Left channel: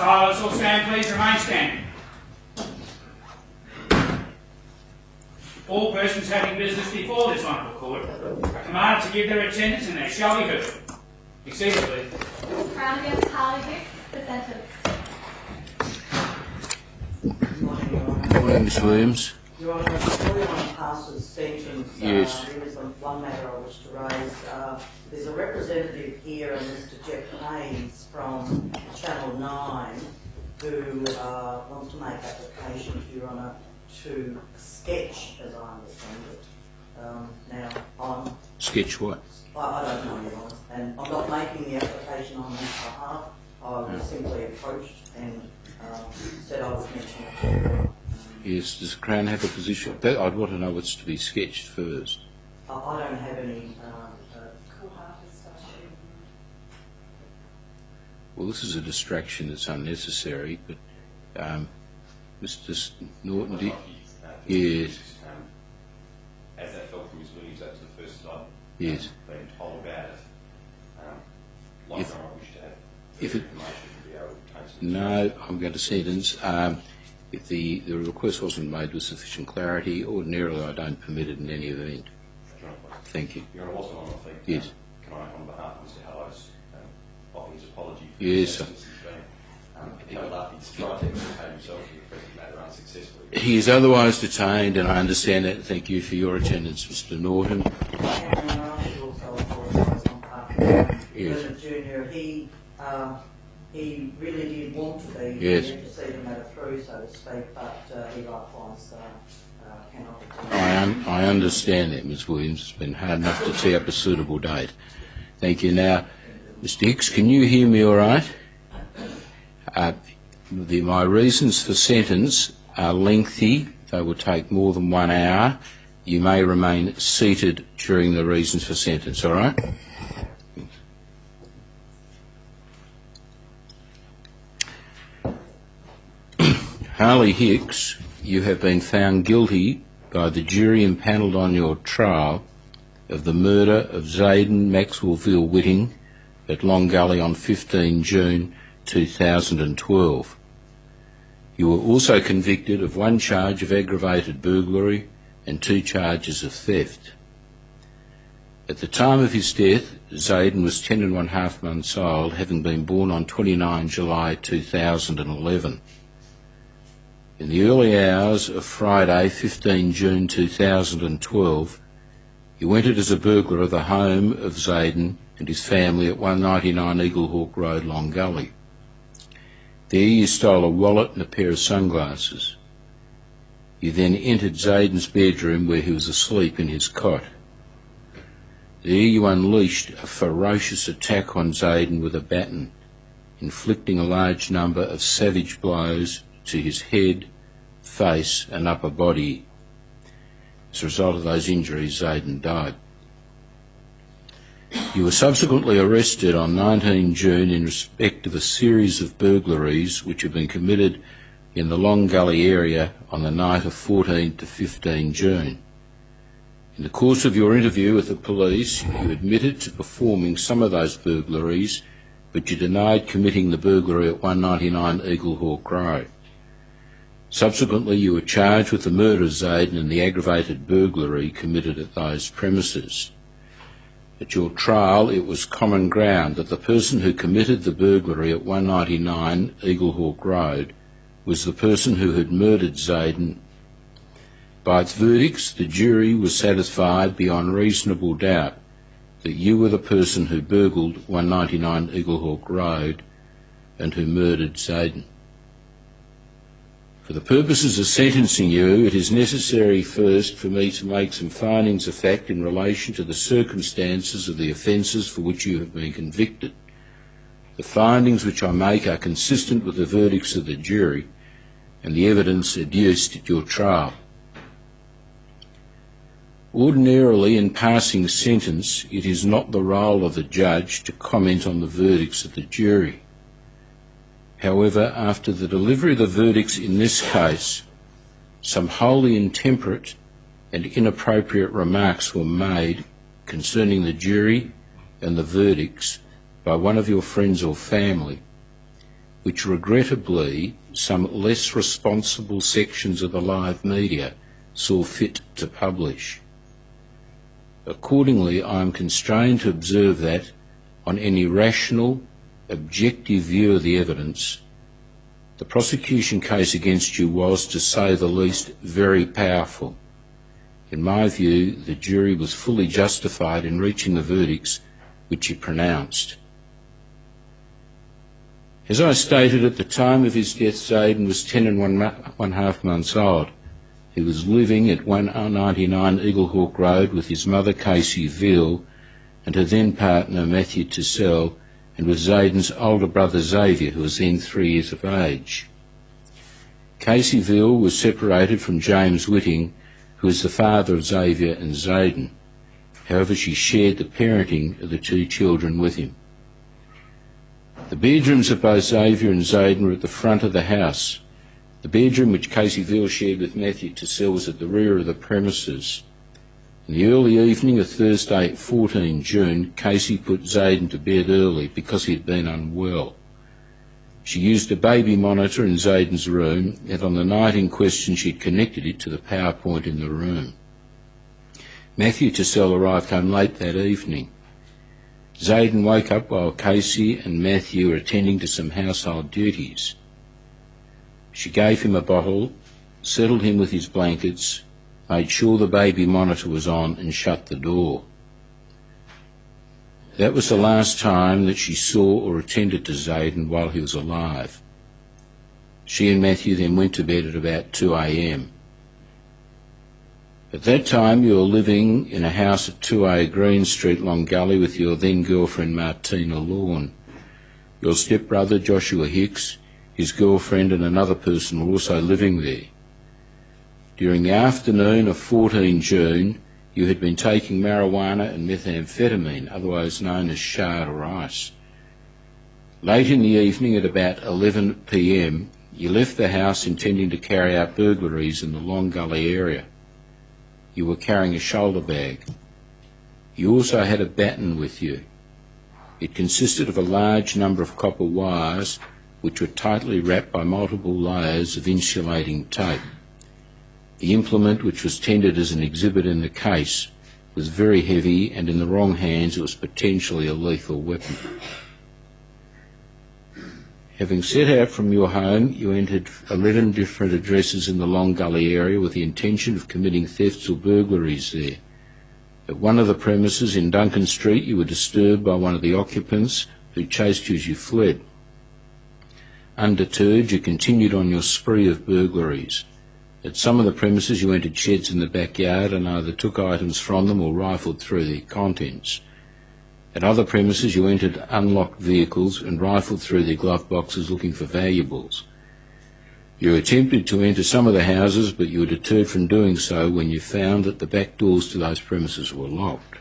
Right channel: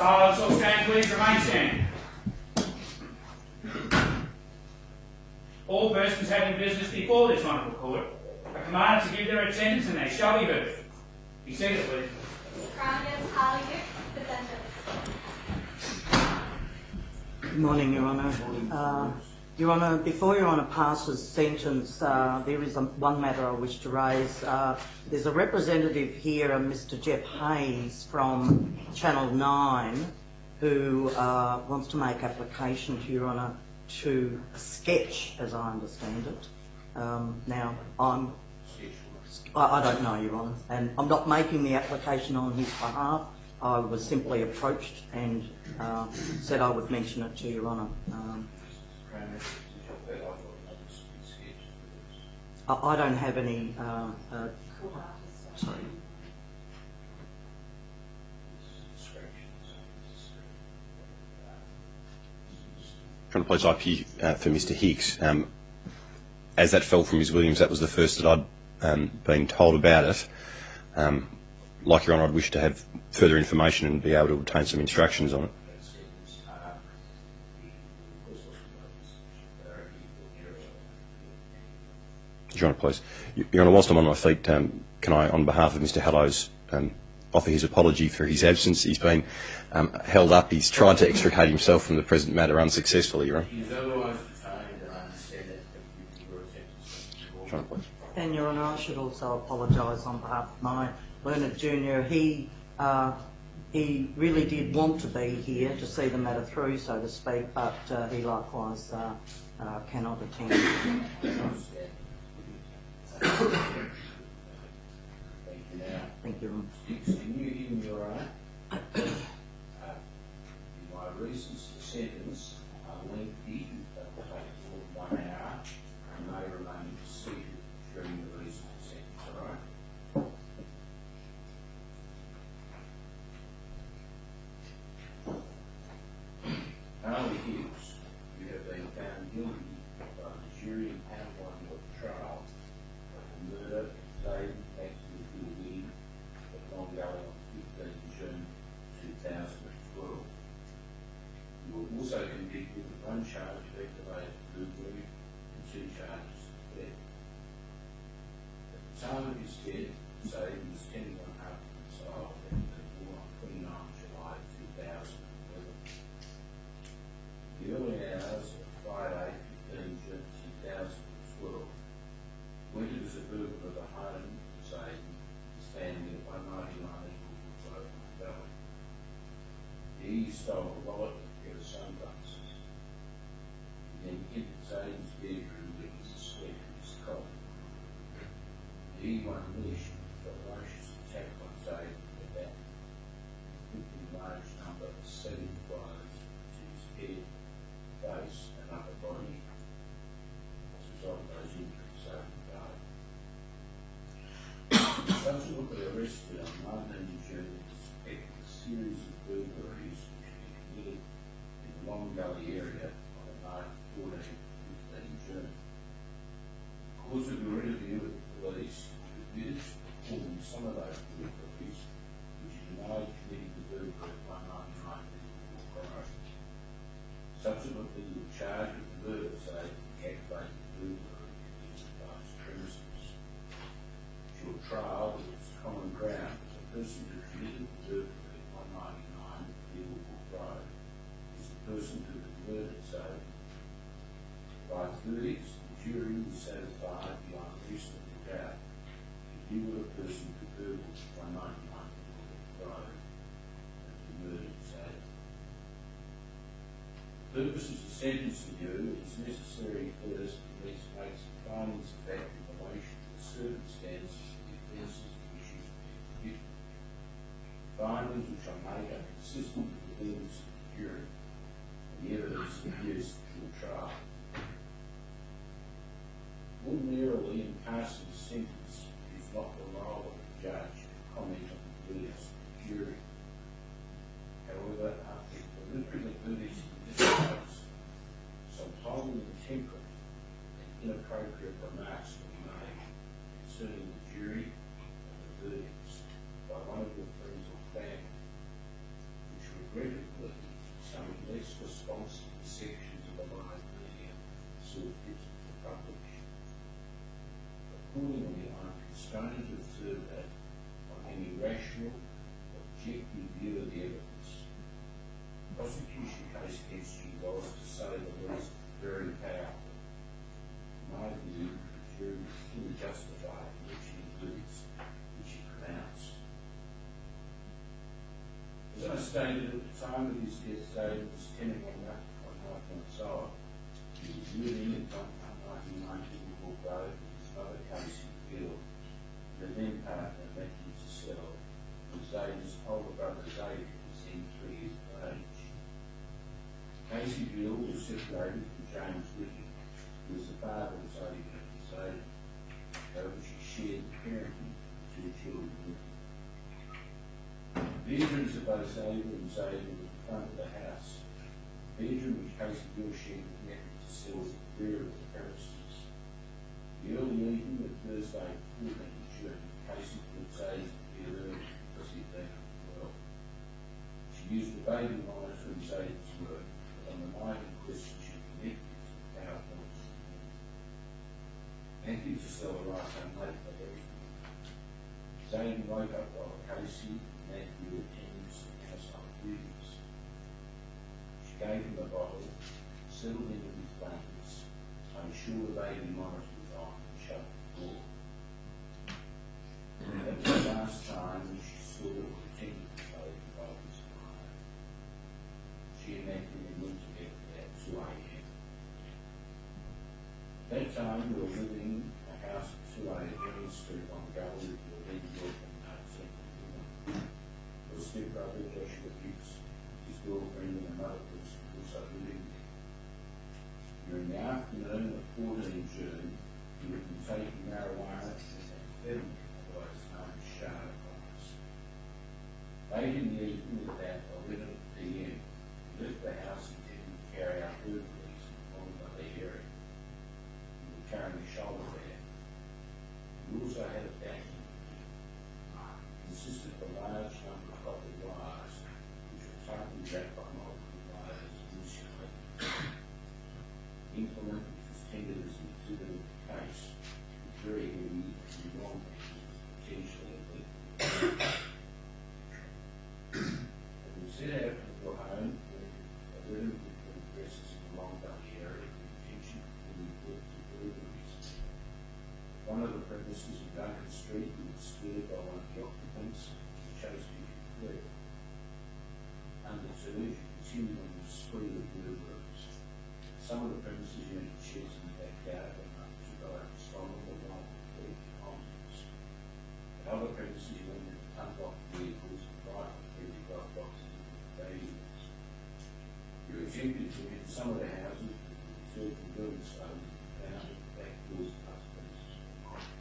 Silence, all stand please, remain standing. All persons having business before this honourable court are commanded to give their attendance and they shall be heard. Be seated please. Crown against Harley Hicks, the sentence. Good morning, Your Honour. Good morning, Ms Williams. Your Honour, before Your Honour passes sentence, Yes. there is one matter I wish to raise. There's a representative here, Mr Jeff Hayes from Channel 9, who wants to make application to Your Honour to a sketch, as I understand it. Now, Sketch what? I don't know, Your Honour, and I'm not making the application on his behalf. I was simply approached and said I would mention it to Your Honour. Yes, does the Crown have a position? I'd want to know what's to be sketched first. I don't have any. Well, this is a distraction that's unnecessary, but Mr. Apologies for Mr Hicks. As that fell from Ms Williams, that was the first that I'd been told about it. Like Your Honour, I'd wish to have further information and be able to obtain some instructions on it. I'm going to sentence. If the request wasn't made with sufficient clarity, ordinarily I don't permit it in any event. Your Honour, please. Thank you. Your Honour, whilst I'm on my feet, can I, on behalf of Mr Hallows, offer his apology for his absence? He's been held up. He's tried to extricate himself from the present matter unsuccessfully, Your Honour. He is otherwise detained, and I understand that. Thank you for your attendance, Mr Norton. And Your Honour, I should also apologise on behalf of Bernard Jr. He really did want to be here to see the matter through, so to speak, but he likewise cannot attend. I understand that, Ms Williams. It's been hard enough to tee up a suitable date. Thank you. Now, Mr Hicks, can you hear me all right? My reasons for sentence are lengthy. They will take more than 1 hour. You may remain seated during the reasons for sentence, all right? Harley Hicks, you have been found guilty by the jury impanelled on your trial of the murder of Zayden Maxwell Whitting at Long Gully on 15 June 2012. You were also convicted of 1 charge of aggravated burglary and 2 charges of theft. At the time of his death, Zayden was 10 1/2 months old, having been born on 29 July 2011. In the early hours of Friday, 15 June 2012, you entered as a burglar of the home of Zayden and his family at 199 Eaglehawk Road, Long Gully. There you stole a wallet and a pair of sunglasses. You then entered Zayden's bedroom where he was asleep in his cot. There you unleashed a ferocious attack on Zayden with a baton, inflicting a large number of savage blows to his head, face and upper body. As a result of those injuries, Zayden died. You were subsequently arrested on 19 June in respect of a series of burglaries which had been committed in the Long Gully area on the night of 14 to 15 June. In the course of your interview with the police, you admitted to performing some of those burglaries, but you denied committing the burglary at 199 Eaglehawk Road. Subsequently, you were charged with the murder of Zayden and the aggravated burglary committed at those premises. At your trial, it was common ground that the person who committed the burglary at 199 Eaglehawk Road was the person who had murdered Zayden. By its verdicts, the jury was satisfied beyond reasonable doubt that you were the person who burgled 199 Eaglehawk Road and who murdered Zayden. For the purposes of sentencing you, it is necessary first for me to make some findings of fact in relation to the circumstances of the offences for which you have been convicted. The findings which I make are consistent with the verdicts of the jury and the evidence adduced at your trial. Ordinarily, in passing sentence, it is not the role of the judge to comment on the verdicts of the jury. However, after the delivery of the verdicts in this case, some wholly intemperate and inappropriate remarks were made concerning the jury and the verdicts by one of your friends or family. which regrettably some less responsible sections of the live media saw fit to publish. Accordingly, I am constrained to observe that, on any rational, objective view of the evidence, the prosecution case against you was, to say the least, very powerful. In my view, the jury was fully justified in reaching the verdicts which it pronounced. As I stated, at the time of his death, Zayden was 10 and 1/2 months old. He was living at 199 Eaglehawk Road with his mother, Casey Veal, and her then partner, Matthew Tissell, and with Zayden's older brother, Xavier, who was then 3 years of age. Casey Veal was separated from James Whitting, who was the father of Xavier and Zayden. However, she shared the parenting of the 2 children with him. The bedrooms of both Xavier and Zayden were at the front of the house. The bedroom which Casey Veal shared with Matthew Tissell was at the rear of the premises. In the early evening of Thursday, 14 June, Casey put Zayden to bed early because he had been unwell. She used a baby monitor in Zayden's room, and on the night in question she had connected it to the power point in the room. Matthew Tissell arrived home late that evening. Zayden woke up while Casey and Matthew were attending to some household duties. She gave him a bottle, settled him with his blankets, made sure the baby monitor was on, and shut the door. That was the last time that she saw or attended to Zayden while he was alive. She and Matthew then went to bed at about 2 a.m. At that time you were living in a house at 2A Green Street, Long Gully, with your then girlfriend Martina Lawn. Your stepbrother Joshua Hicks, his girlfriend and another person were also living there. During the afternoon of 14 June, you had been taking marijuana and methamphetamine, otherwise known as shard or ice. Late in the evening at about 11 p.m, you left the house intending to carry out burglaries in the Long Gully area. You were carrying a shoulder bag. You also had a baton with you. It consisted of a large number of copper wires which were tightly wrapped by multiple layers of insulating tape. The implement, which was tendered as an exhibit in the case, was very heavy, and in the wrong hands it was potentially a lethal weapon. Having set out from your home, you entered 11 different addresses in the Long Gully area with the intention of committing thefts or burglaries there. At one of the premises in Duncan Street, you were disturbed by one of the occupants who chased you as you fled. Undeterred, you continued on your spree of burglaries. At some of the premises, you entered sheds in the backyard and either took items from them or rifled through their contents. At other premises, you entered unlocked vehicles and rifled through their glove boxes looking for valuables. You attempted to enter some of the houses, but you were deterred from doing so when you found that the back doors to those premises were locked.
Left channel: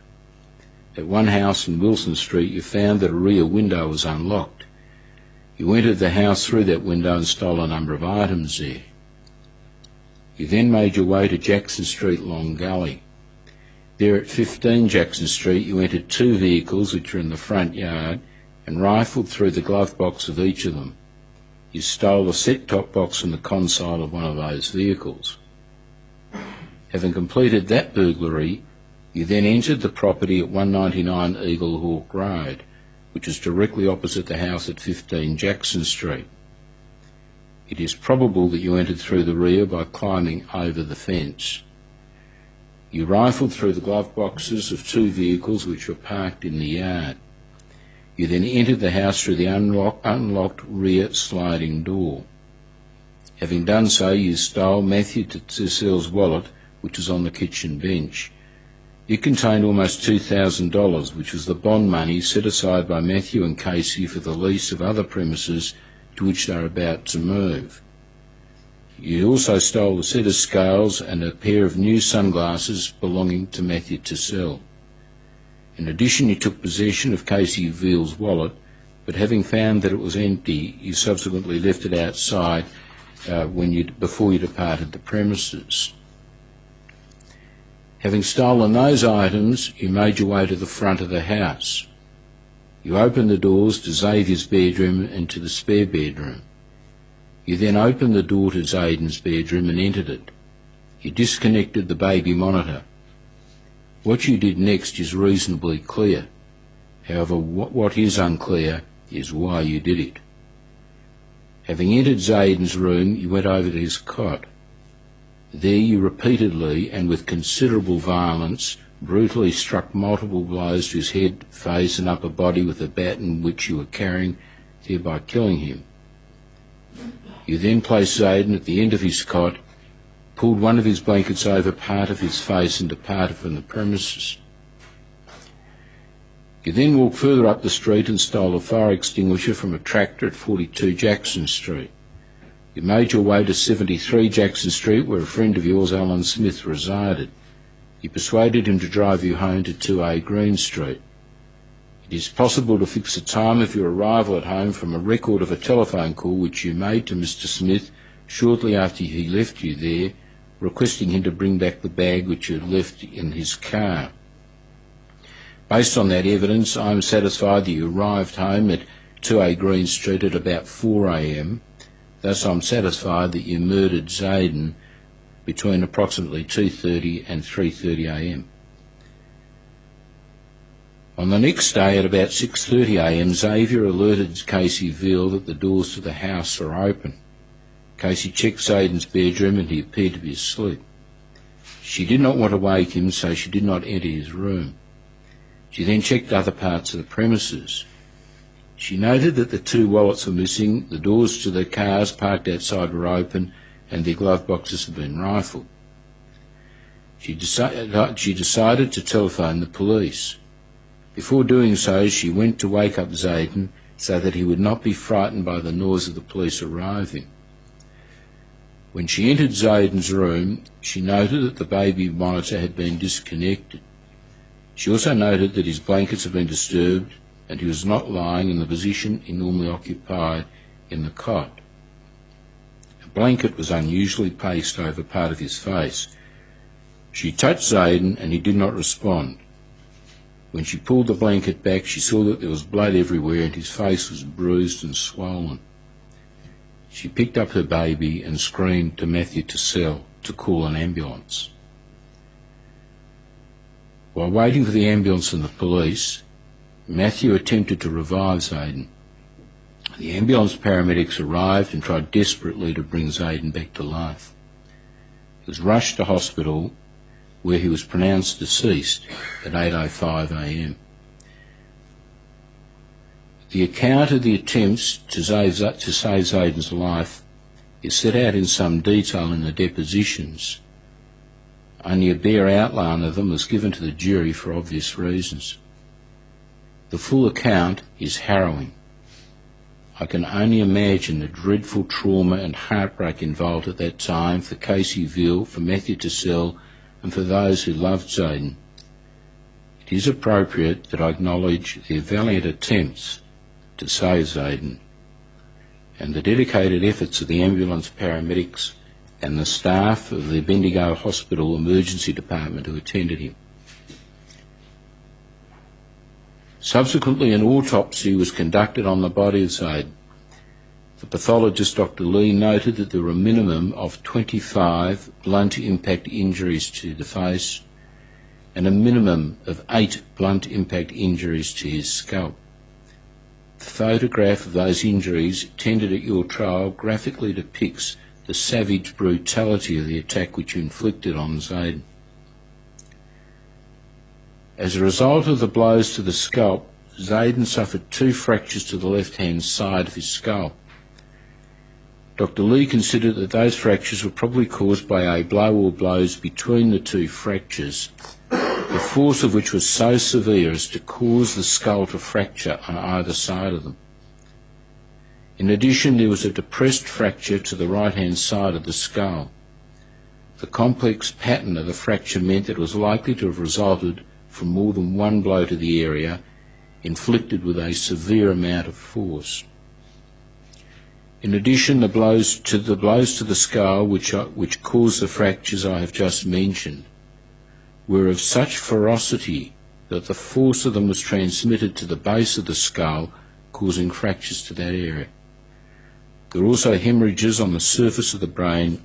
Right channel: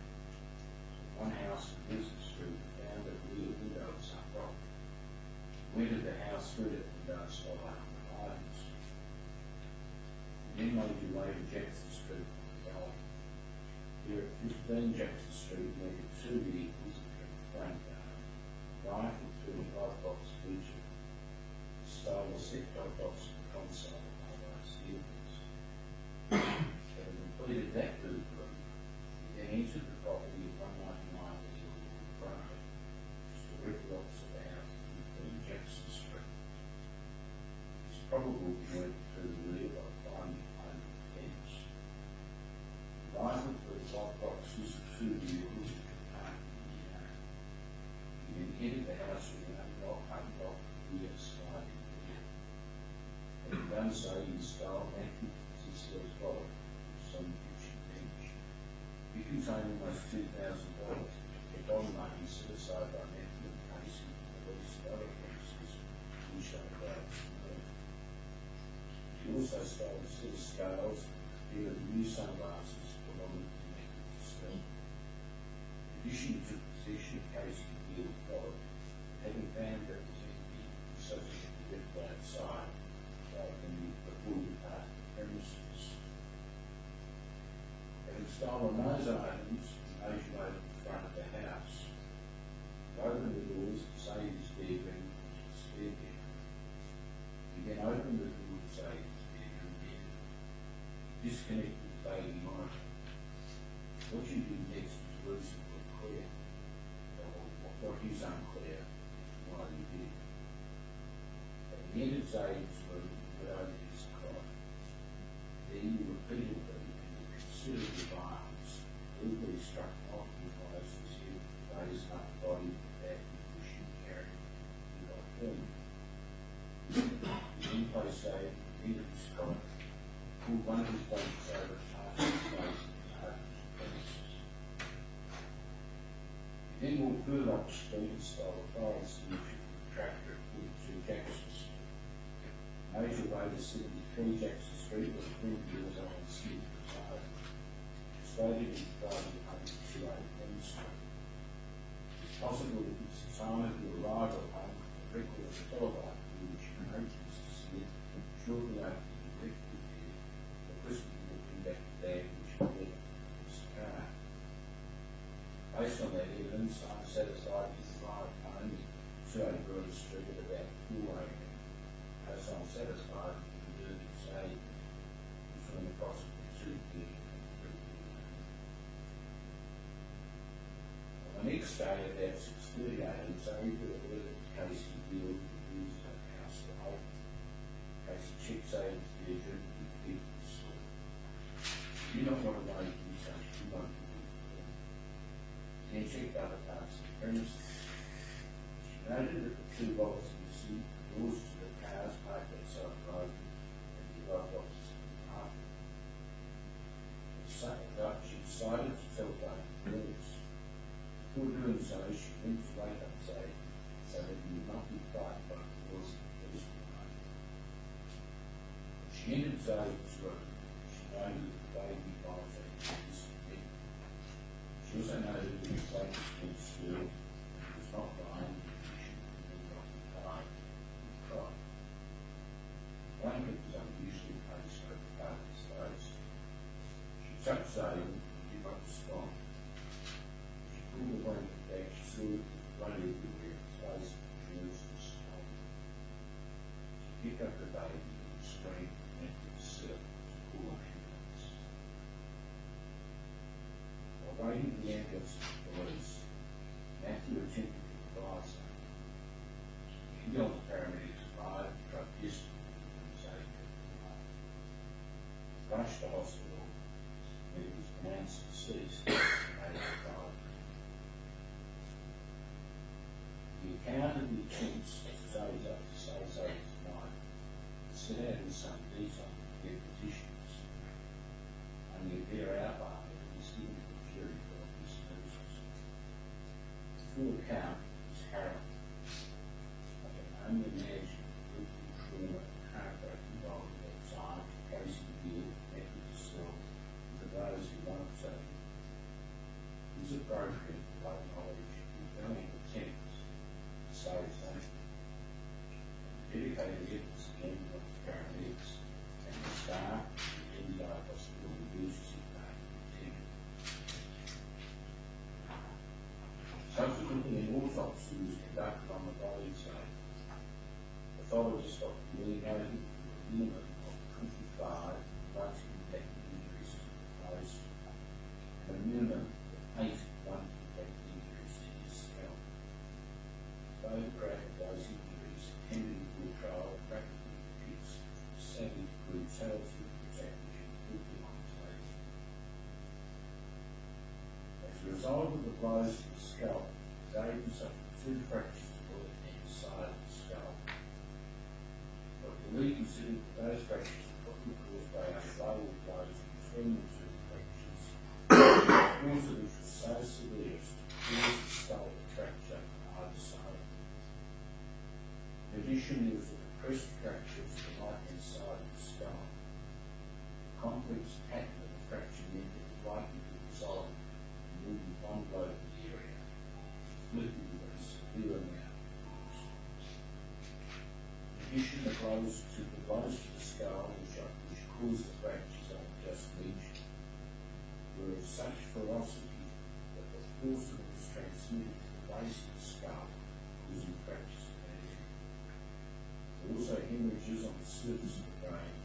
At one house in Wilson Street, you found that a rear window was unlocked. You entered the house through that window and stole a number of items there. You then made your way to Jackson Street, Long Gully. There at 15 Jackson Street, you entered 2 vehicles which were in the front yard and rifled through the glove box of each of them. You stole a set-top box from the console of one of those vehicles. Having completed that burglary, you then entered the property at 199 Eaglehawk Road, which is directly opposite the house at 15 Jackson Street. It is probable that you entered through the rear by climbing over the fence. You rifled through the glove boxes of 2 vehicles which were parked in the yard. You then entered the house through the unlocked rear sliding door. Having done so, you stole Matthew Tissell's wallet, which was on the kitchen bench. It contained almost $2,000, which was the bond money set aside by Matthew and Casey for the lease of other premises to which they were about to move. You also stole a set of scales and a pair of new sunglasses belonging to Matthew Tissell. In addition, you took possession of Casey Veal's wallet, but having found that it was empty, you subsequently left it outside before you departed the premises. Having stolen those items, you made your way to the front of the house. You opened the doors to Xavier's bedroom and to the spare bedroom. You then opened the door to Zayden's bedroom and entered it. You disconnected the baby monitor. What you did next is reasonably clear. However, what is unclear is why you did it. Having entered Zayden's room, you went over to his cot. There you repeatedly and with considerable violence brutally struck multiple blows to his head, face and upper body with the baton which you were carrying, thereby killing him. You then placed Zayden at the end of his cot, pulled one of his blankets over part of his face and departed from the premises. You then walked further up the street and stole a fire extinguisher from a tractor at 42 Jackson Street. You made your way to 73 Jackson Street, where a friend of yours, Alan Smith, resided. You persuaded him to drive you home to 2A Green Street. It is possible to fix the time of your arrival at home from a record of a telephone call which you made to Mr. Smith shortly after he left you there, requesting him to bring back the bag which you had left in his car. Based on that evidence, I am satisfied that you arrived home at 2A Green Street at about 4 a.m. Thus, I'm satisfied that you murdered Zayden between approximately 2:30 and 3:30 a.m. On the next day at about 6:30 a.m, Xavier alerted Casey Veal that the doors to the house were open. Casey checked Zayden's bedroom and he appeared to be asleep. She did not want to wake him, so she did not enter his room. She then checked other parts of the premises. She noted that the 2 wallets were missing, the doors to the cars parked outside were open, and their glove boxes had been rifled. She decided to telephone the police. Before doing so, she went to wake up Zayden so that he would not be frightened by the noise of the police arriving. When she entered Zayden's room, she noted that the baby monitor had been disconnected. She also noted that his blankets had been disturbed and he was not lying in the position he normally occupied in the cot. A blanket was unusually placed over part of his face. She touched Zayden and he did not respond. When she pulled the blanket back, she saw that there was blood everywhere and his face was bruised and swollen. She picked up her baby and screamed to Matthew Tassell to call an ambulance. While waiting for the ambulance and the police, Matthew attempted to revive Zayden. The ambulance paramedics arrived and tried desperately to bring Zayden back to life. He was rushed to hospital, where he was pronounced deceased at 8:05 a.m. The account of the attempts to save Zayden's life is set out in some detail in the depositions. Only a bare outline of them was given to the jury for obvious reasons. The full account is harrowing. I can only imagine the dreadful trauma and heartbreak involved at that time for Casey Veal, for Matthew Tassell, and for those who loved Zayden. It is appropriate that I acknowledge their valiant attempts to save Zayden and the dedicated efforts of the ambulance paramedics and the staff of the Bendigo Hospital Emergency Department who attended him. Subsequently, an autopsy was conducted on the body of Zayden. The pathologist, Dr. Lee, noted that there were a minimum of 25 blunt impact injuries to the face and a minimum of 8 blunt impact injuries to his scalp. The photograph of those injuries tendered at your trial graphically depicts the savage brutality of the attack which you inflicted on Zayden. As a result of the blows to the scalp, Zayden suffered 2 fractures to the left-hand side of his scalp. Dr. Lee considered that those fractures were probably caused by a blow or blows between the 2 fractures, the force of which was so severe as to cause the skull to fracture on either side of them. In addition, there was a depressed fracture to the right-hand side of the skull. The complex pattern of the fracture meant that it was likely to have resulted from more than one blow to the area, inflicted with a severe amount of force. In addition, the blows to the skull which caused the fractures I have just mentioned were of such ferocity that the force of them was transmitted to the base of the skull, causing fractures to that area. There are also hemorrhages on the surface of the brain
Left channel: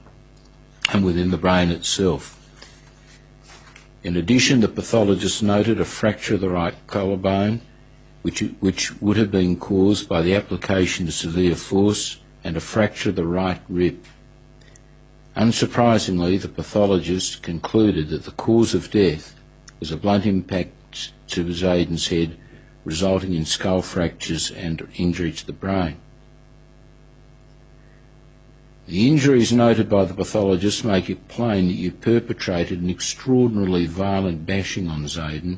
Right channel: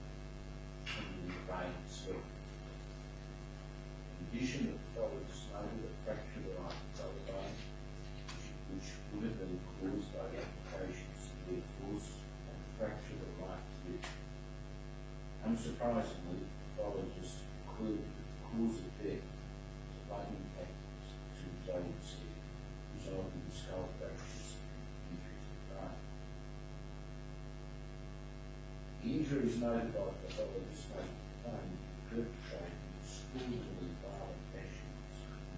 and within the brain itself. In addition, the pathologist noted a fracture of the right collarbone, which would have been caused by the application of severe force, and a fracture of the right rib. Unsurprisingly, the pathologist concluded that the cause of death was a blunt impact to Zayden's head, resulting in skull fractures and injury to the brain. The injuries noted by the pathologist make it plain that you perpetrated an extraordinarily violent bashing on Zayden,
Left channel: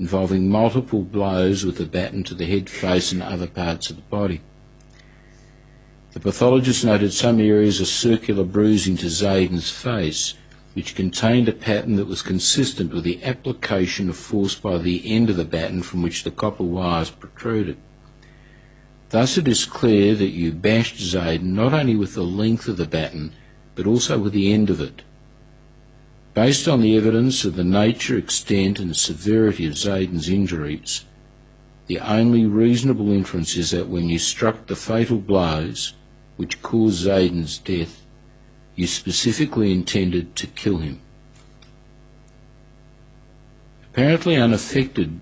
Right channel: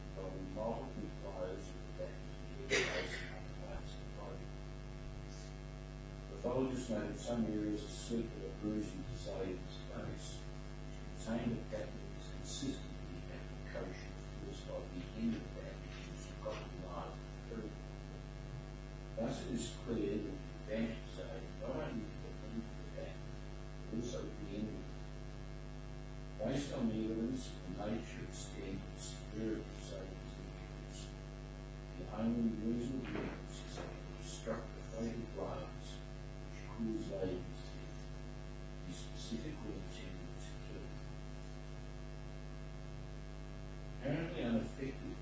involving multiple blows with the baton to the head, face and other parts of the body. The pathologist noted some areas of circular bruising to Zayden's face, which contained a pattern that was consistent with the application of force by the end of the baton from which the copper wires protruded. Thus it is clear that you bashed Zayden not only with the length of the baton, but also with the end of it. Based on the evidence of the nature, extent and severity of Zayden's injuries, the only reasonable inference is that when you struck the fatal blows which caused Zayden's death, you specifically intended to kill him. Apparently unaffected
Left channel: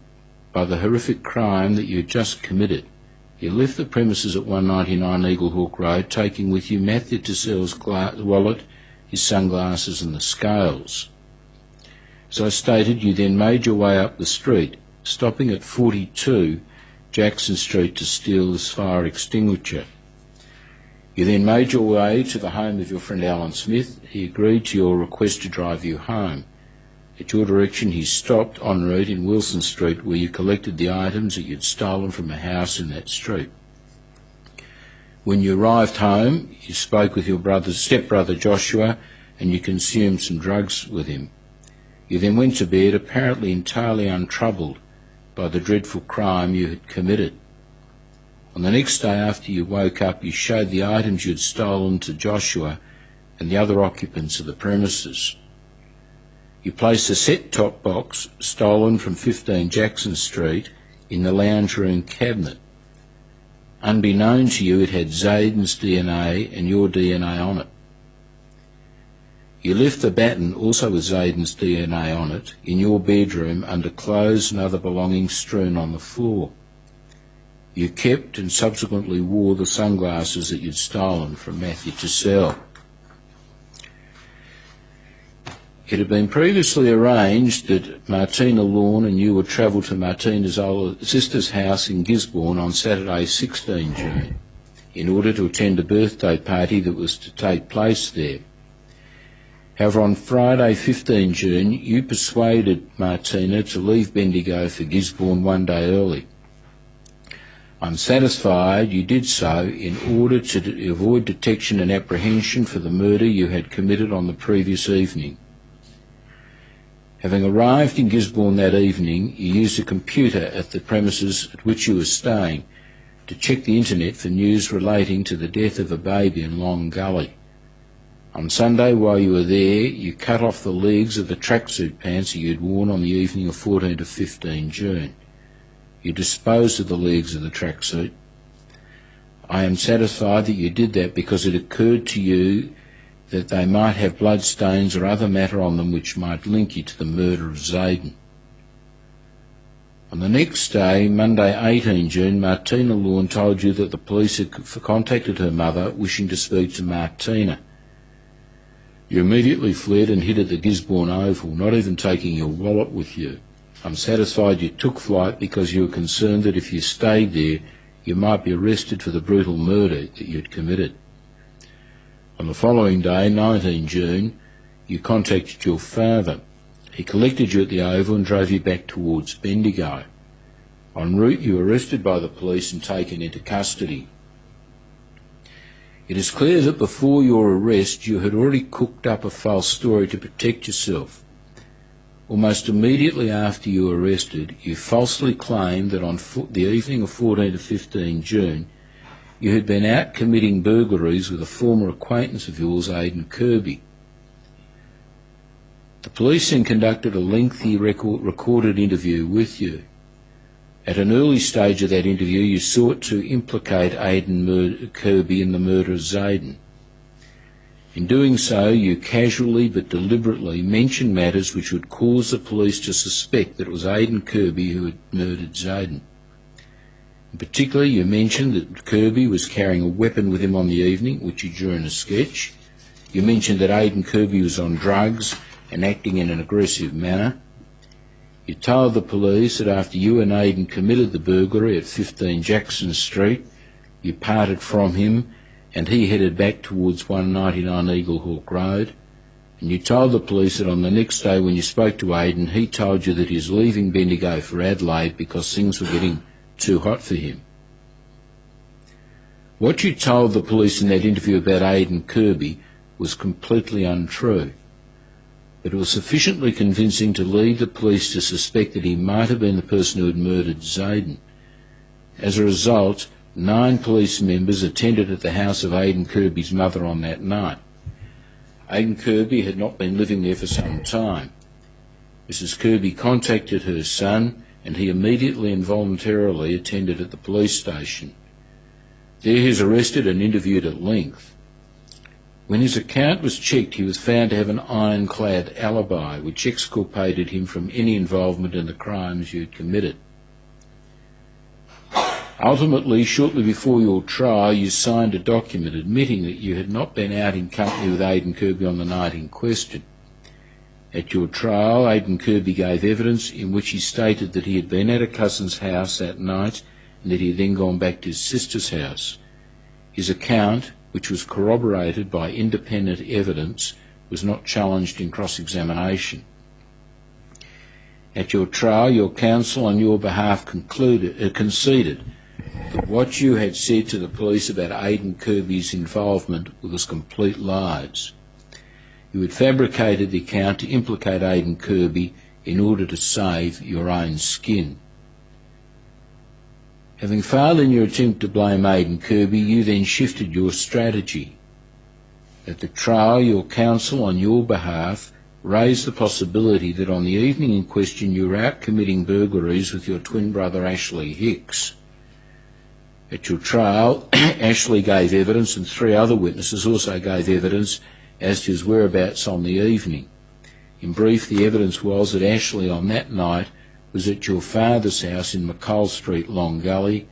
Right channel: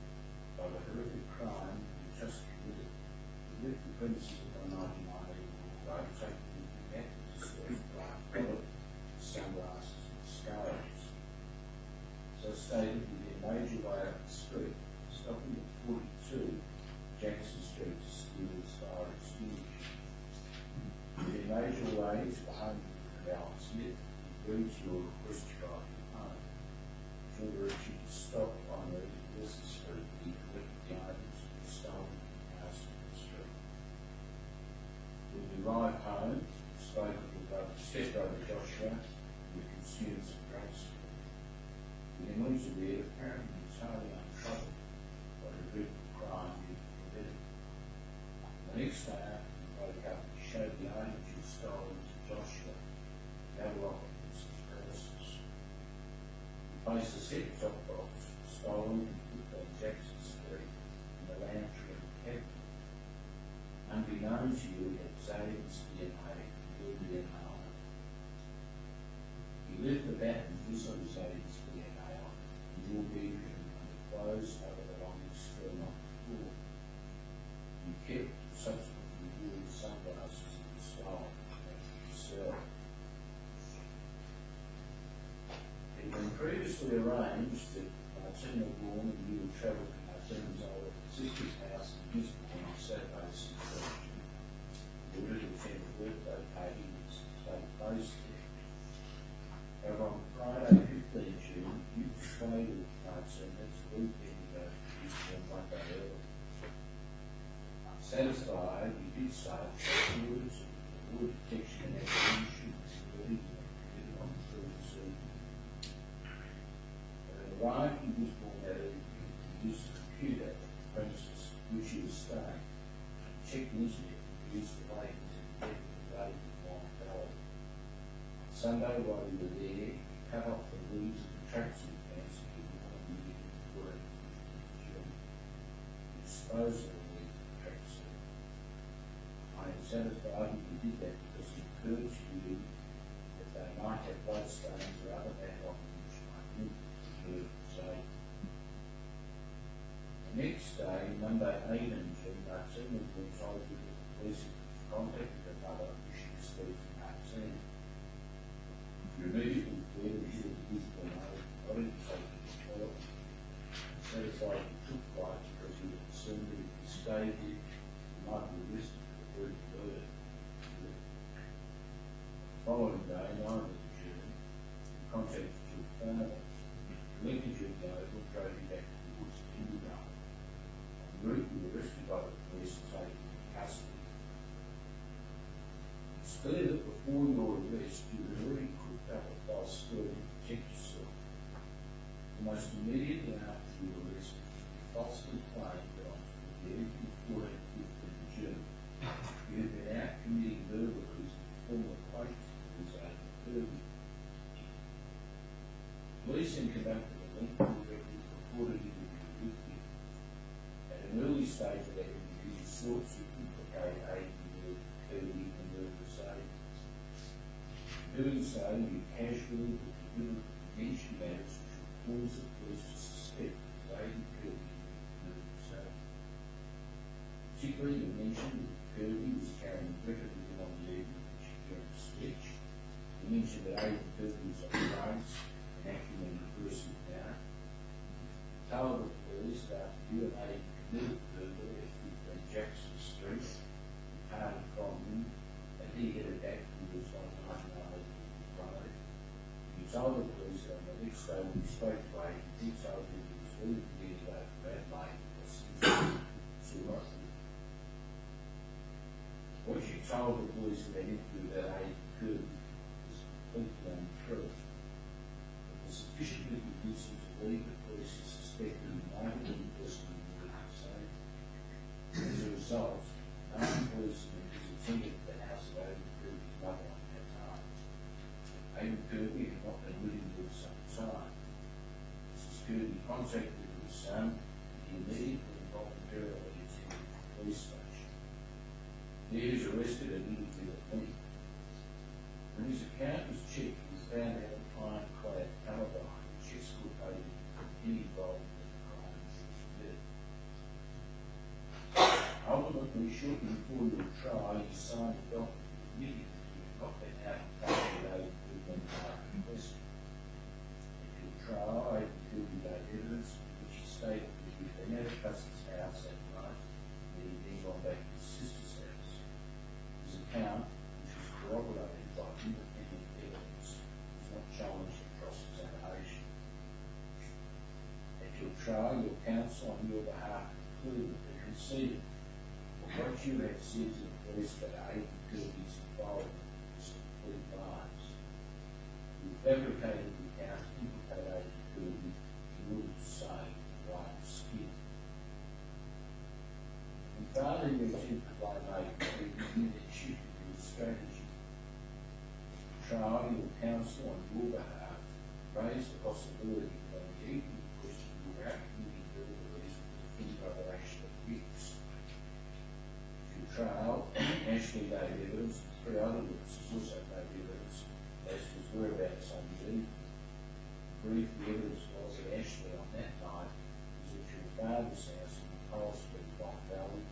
by the horrific crime that you had just committed, you left the premises at 199 Eagle Hawk Road, taking with you Matthew Tassell's wallet, his sunglasses and the scales. As I stated, you then made your way up the street, stopping at 42 Jackson Street to steal this fire extinguisher. You then made your way to the home of your friend Alan Smith. He agreed to your request to drive you home. At your direction, he stopped en route in Wilson Street, where you collected the items that you'd stolen from a house in that street. When you arrived home, you spoke with your stepbrother Joshua, and you consumed some drugs with him. You then went to bed, apparently entirely untroubled by the dreadful crime you had committed. On the next day after you woke up, you showed the items you had stolen to Joshua and the other occupants of the premises. You placed a set-top box stolen from 15 Jackson Street in the lounge room cabinet. Unbeknown to you, it had Zayden's DNA and your DNA on it. You left the baton, also with Zayden's DNA on it, in your bedroom under clothes and other belongings strewn on the floor. You kept and subsequently wore the sunglasses that you'd stolen from Matthew Tassell. It had been previously arranged that Martina Lorne and you would travel to Martina's older sister's house in Gisborne on Saturday 16 June in order to attend a birthday party that was to take place there. However, on Friday 15 June, you persuaded Martina to leave Bendigo for Gisborne one day early. Unsatisfied, you did so in order to avoid detection and apprehension for the murder you had committed on the previous evening. Having arrived in Gisborne that evening, you used a computer at the premises at which you were staying to check the internet for news relating to the death of a baby in Long Gully. On Sunday, while you were there, you cut off the legs of the tracksuit pants that you had worn on the evening of 14 to 15 June. You disposed of the legs of the tracksuit. I am satisfied that you did that because it occurred to you that they might have bloodstains or other matter on them which might link you to the murder of Zayden. On the next day, Monday 18 June, Martina Lorne told you that the police had contacted her mother wishing to speak to Martina. You immediately fled and hid at the Gisborne Oval, not even taking your wallet with you. I'm satisfied you took flight because you were concerned that if you stayed there, you might be arrested for the brutal murder that you had committed. On the following day, 19 June, you contacted your father. He collected you at the Oval and drove you back towards Bendigo. En route, you were arrested by the police and taken into custody. It is clear that before your arrest, you had already cooked up a false story to protect yourself. Almost immediately after you were arrested, you falsely claimed that on the evening of 14 to 15 June, you had been out committing burglaries with a former acquaintance of yours, Aidan Kirby. The police then conducted a lengthy recorded interview with you. At an early stage of that interview, you sought to implicate Aidan Kirby in the murder of Zayden. In doing so, you casually but deliberately mentioned matters which would cause the police to suspect that it was Aidan Kirby who had murdered Zayden. In particular, you mentioned that Kirby was carrying a weapon with him on the evening, which you drew in a sketch. You mentioned that Aidan Kirby was on drugs and acting in an aggressive manner. You told the police that after you and Aidan committed the burglary at 15 Jackson Street, you parted from him and he headed back towards 199 Eaglehawk Road. And you told the police that on the next day when you spoke to Aidan, he told you that he was leaving Bendigo for Adelaide because things were getting too hot for him. What you told the police in that interview about Aidan Kirby was completely untrue, but it was sufficiently convincing to lead the police to suspect that he might have been the person who had murdered Zayden. As a result, 9 police members attended at the house of Aidan Kirby's mother on that night. Aidan Kirby had not been living there for some time. Mrs. Kirby contacted her son and he immediately and voluntarily attended at the police station. There he was arrested and interviewed at length. When his account was checked, he was found to have an ironclad alibi which exculpated him from any involvement in the crimes you had committed. Ultimately, shortly before your trial, you signed a document admitting that you had not been out in company with Aidan Kirby on the night in question. At your trial, Aidan Kirby gave evidence in which he stated that he had been at a cousin's house that night and that he had then gone back to his sister's house. His account, which was corroborated by independent evidence, was not challenged in cross-examination. At your trial, your counsel on your behalf conceded that what you had said to the police about Aidan Kirby's involvement was complete lies. You had fabricated the account to implicate Aidan Kirby in order to save your own skin. Having failed in your attempt to blame Aidan Kirby, you then shifted your strategy. At the trial, your counsel on your behalf raised the possibility that on the evening in question you were out committing burglaries with your twin brother Ashley Hicks. At your trial, Ashley gave evidence and 3 other witnesses also gave evidence as to his whereabouts on the evening. In brief, the evidence was that Ashley on that night was at your father's house in McColl Street, Long Gully,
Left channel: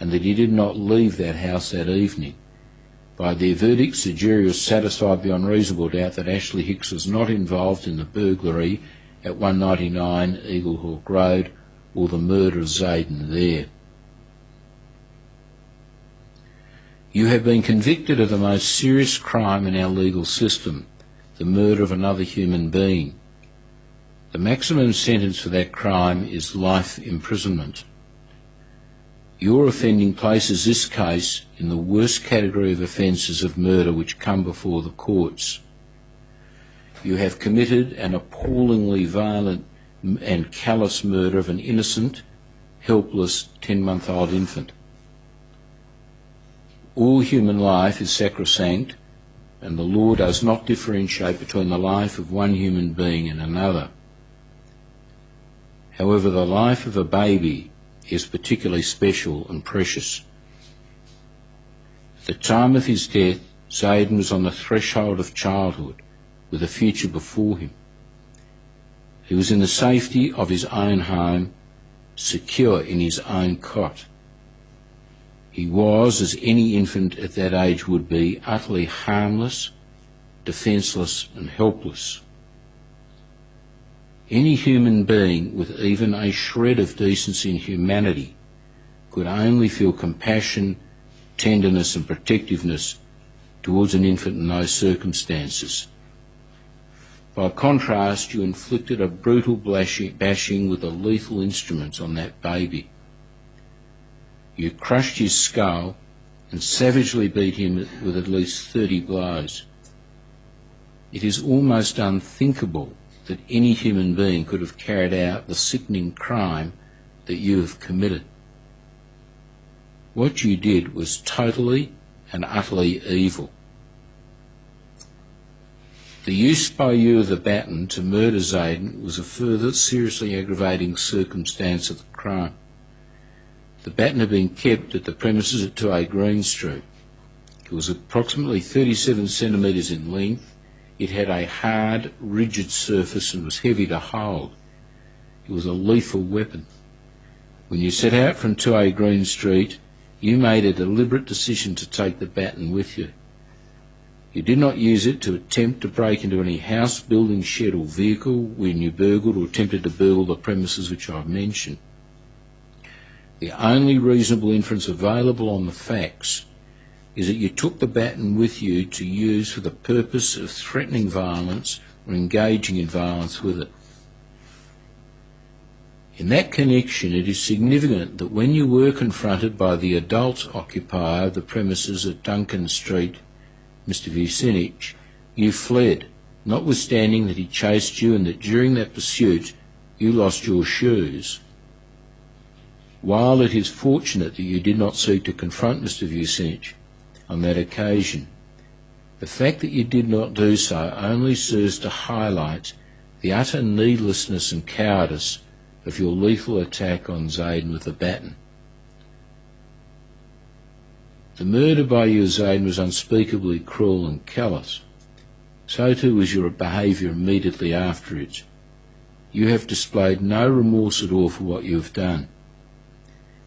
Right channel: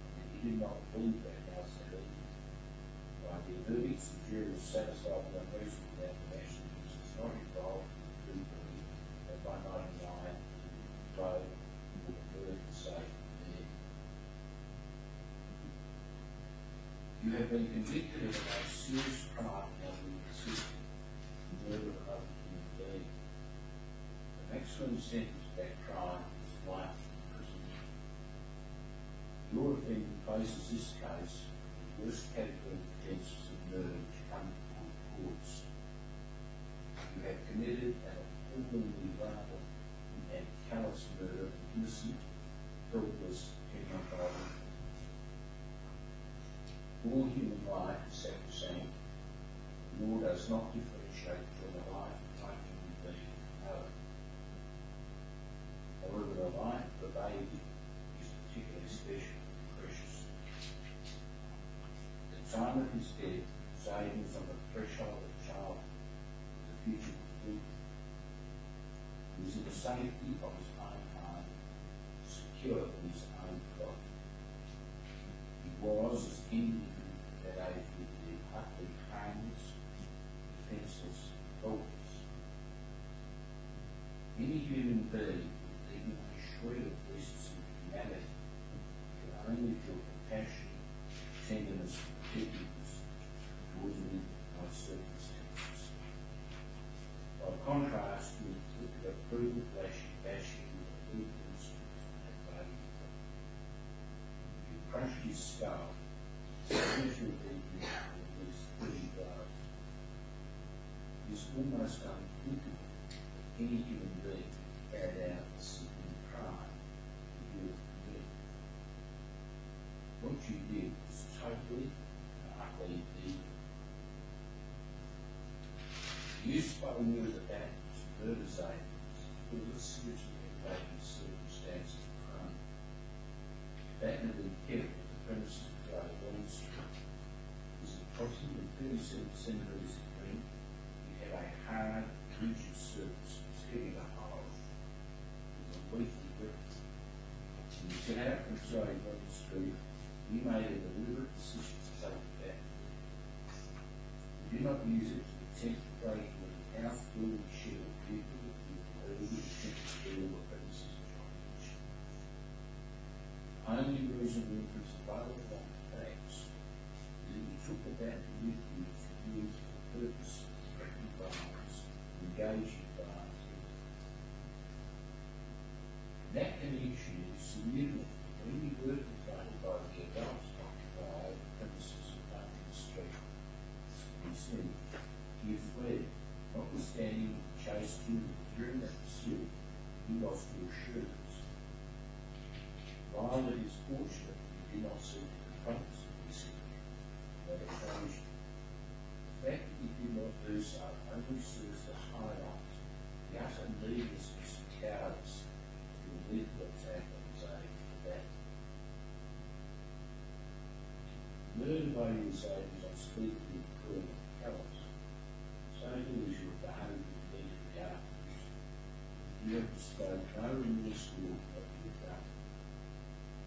and that he did not leave that house that evening. By their verdicts, the jury was satisfied beyond reasonable doubt that Ashley Hicks was not involved in the burglary at 199 Eaglehawk Road or the murder of Zayden there. You have been convicted of the most serious crime in our legal system, the murder of another human being. The maximum sentence for that crime is life imprisonment. Your offending places this case in the worst category of offences of murder which come before the courts. You have committed an appallingly violent and callous murder of an innocent, helpless 10-month-old infant. All human life is sacrosanct, and the law does not differentiate between the life of one human being and another. However, the life of a baby is particularly special and precious. At the time of his death, Zayden was on the threshold of childhood, with a future before him. He was in the safety of his own home, secure in his own cot. He was, as any infant at that age would be, utterly harmless, defenceless and helpless. Any human being with even a shred of decency and humanity could only feel compassion, tenderness and protectiveness towards an infant in those circumstances. By contrast, you inflicted a brutal bashing with a lethal instrument on that baby. You crushed his skull and savagely beat him with at least 30 blows. It is almost unthinkable that any human being could have carried out the sickening crime that you have committed. What you did was totally and utterly evil. The use by you of the baton to murder Zayden was a further seriously aggravating circumstance of the crime. The baton had been kept at the premises at 2A Green Street. It was approximately 37 centimetres in length. It had a hard, rigid surface and was heavy to hold. It was a lethal weapon. When you set out from 2A Green Street, you made a deliberate decision to take the baton with you. You did not use it to attempt to break into any house, building, shed or vehicle when you burgled or attempted to burgle the premises which I've mentioned. The only reasonable inference available on the facts is that you took the baton with you to use for the purpose of threatening violence or engaging in violence with it. In that connection, it is significant that when you were confronted by the adult occupier of the premises at Duncan Street, Mr. Vucinic, you fled, notwithstanding that he chased you and that during that pursuit you lost your shoes. While it is fortunate that you did not seek to confront Mr. Vucinic on that occasion, the fact that you did not do so only serves to highlight the utter needlessness and cowardice of your lethal attack on Zayden with the baton. The murder by you of Zayden was unspeakably cruel and callous. So too was your behaviour immediately after it. You have displayed no remorse at all for what you have done.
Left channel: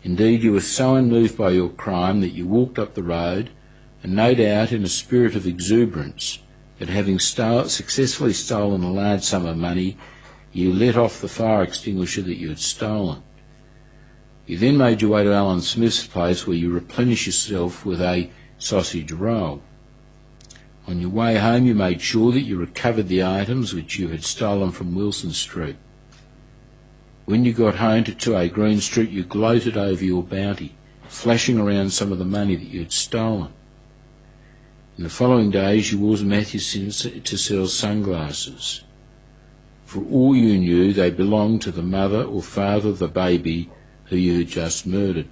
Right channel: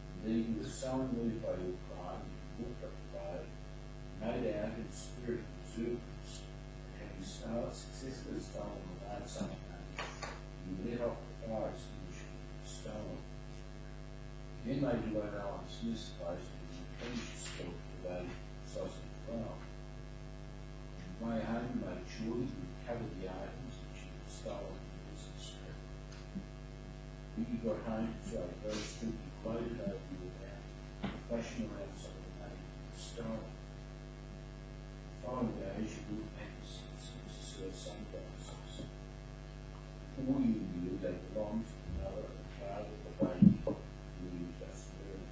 Indeed, you were so unmoved by your crime that you walked up the road, and no doubt in a spirit of exuberance at having successfully stolen a large sum of money, you let off the fire extinguisher that you had stolen. You then made your way to Alan Smith's place, where you replenished yourself with a sausage roll. On your way home you made sure that you recovered the items which you had stolen from Wilson Street. When you got home to 2A Green Street you gloated over your bounty, flashing around some of the money that you had stolen. In the following days you wore Matthews to sell sunglasses. For all you knew, they belonged to the mother or father of the baby who you had just murdered.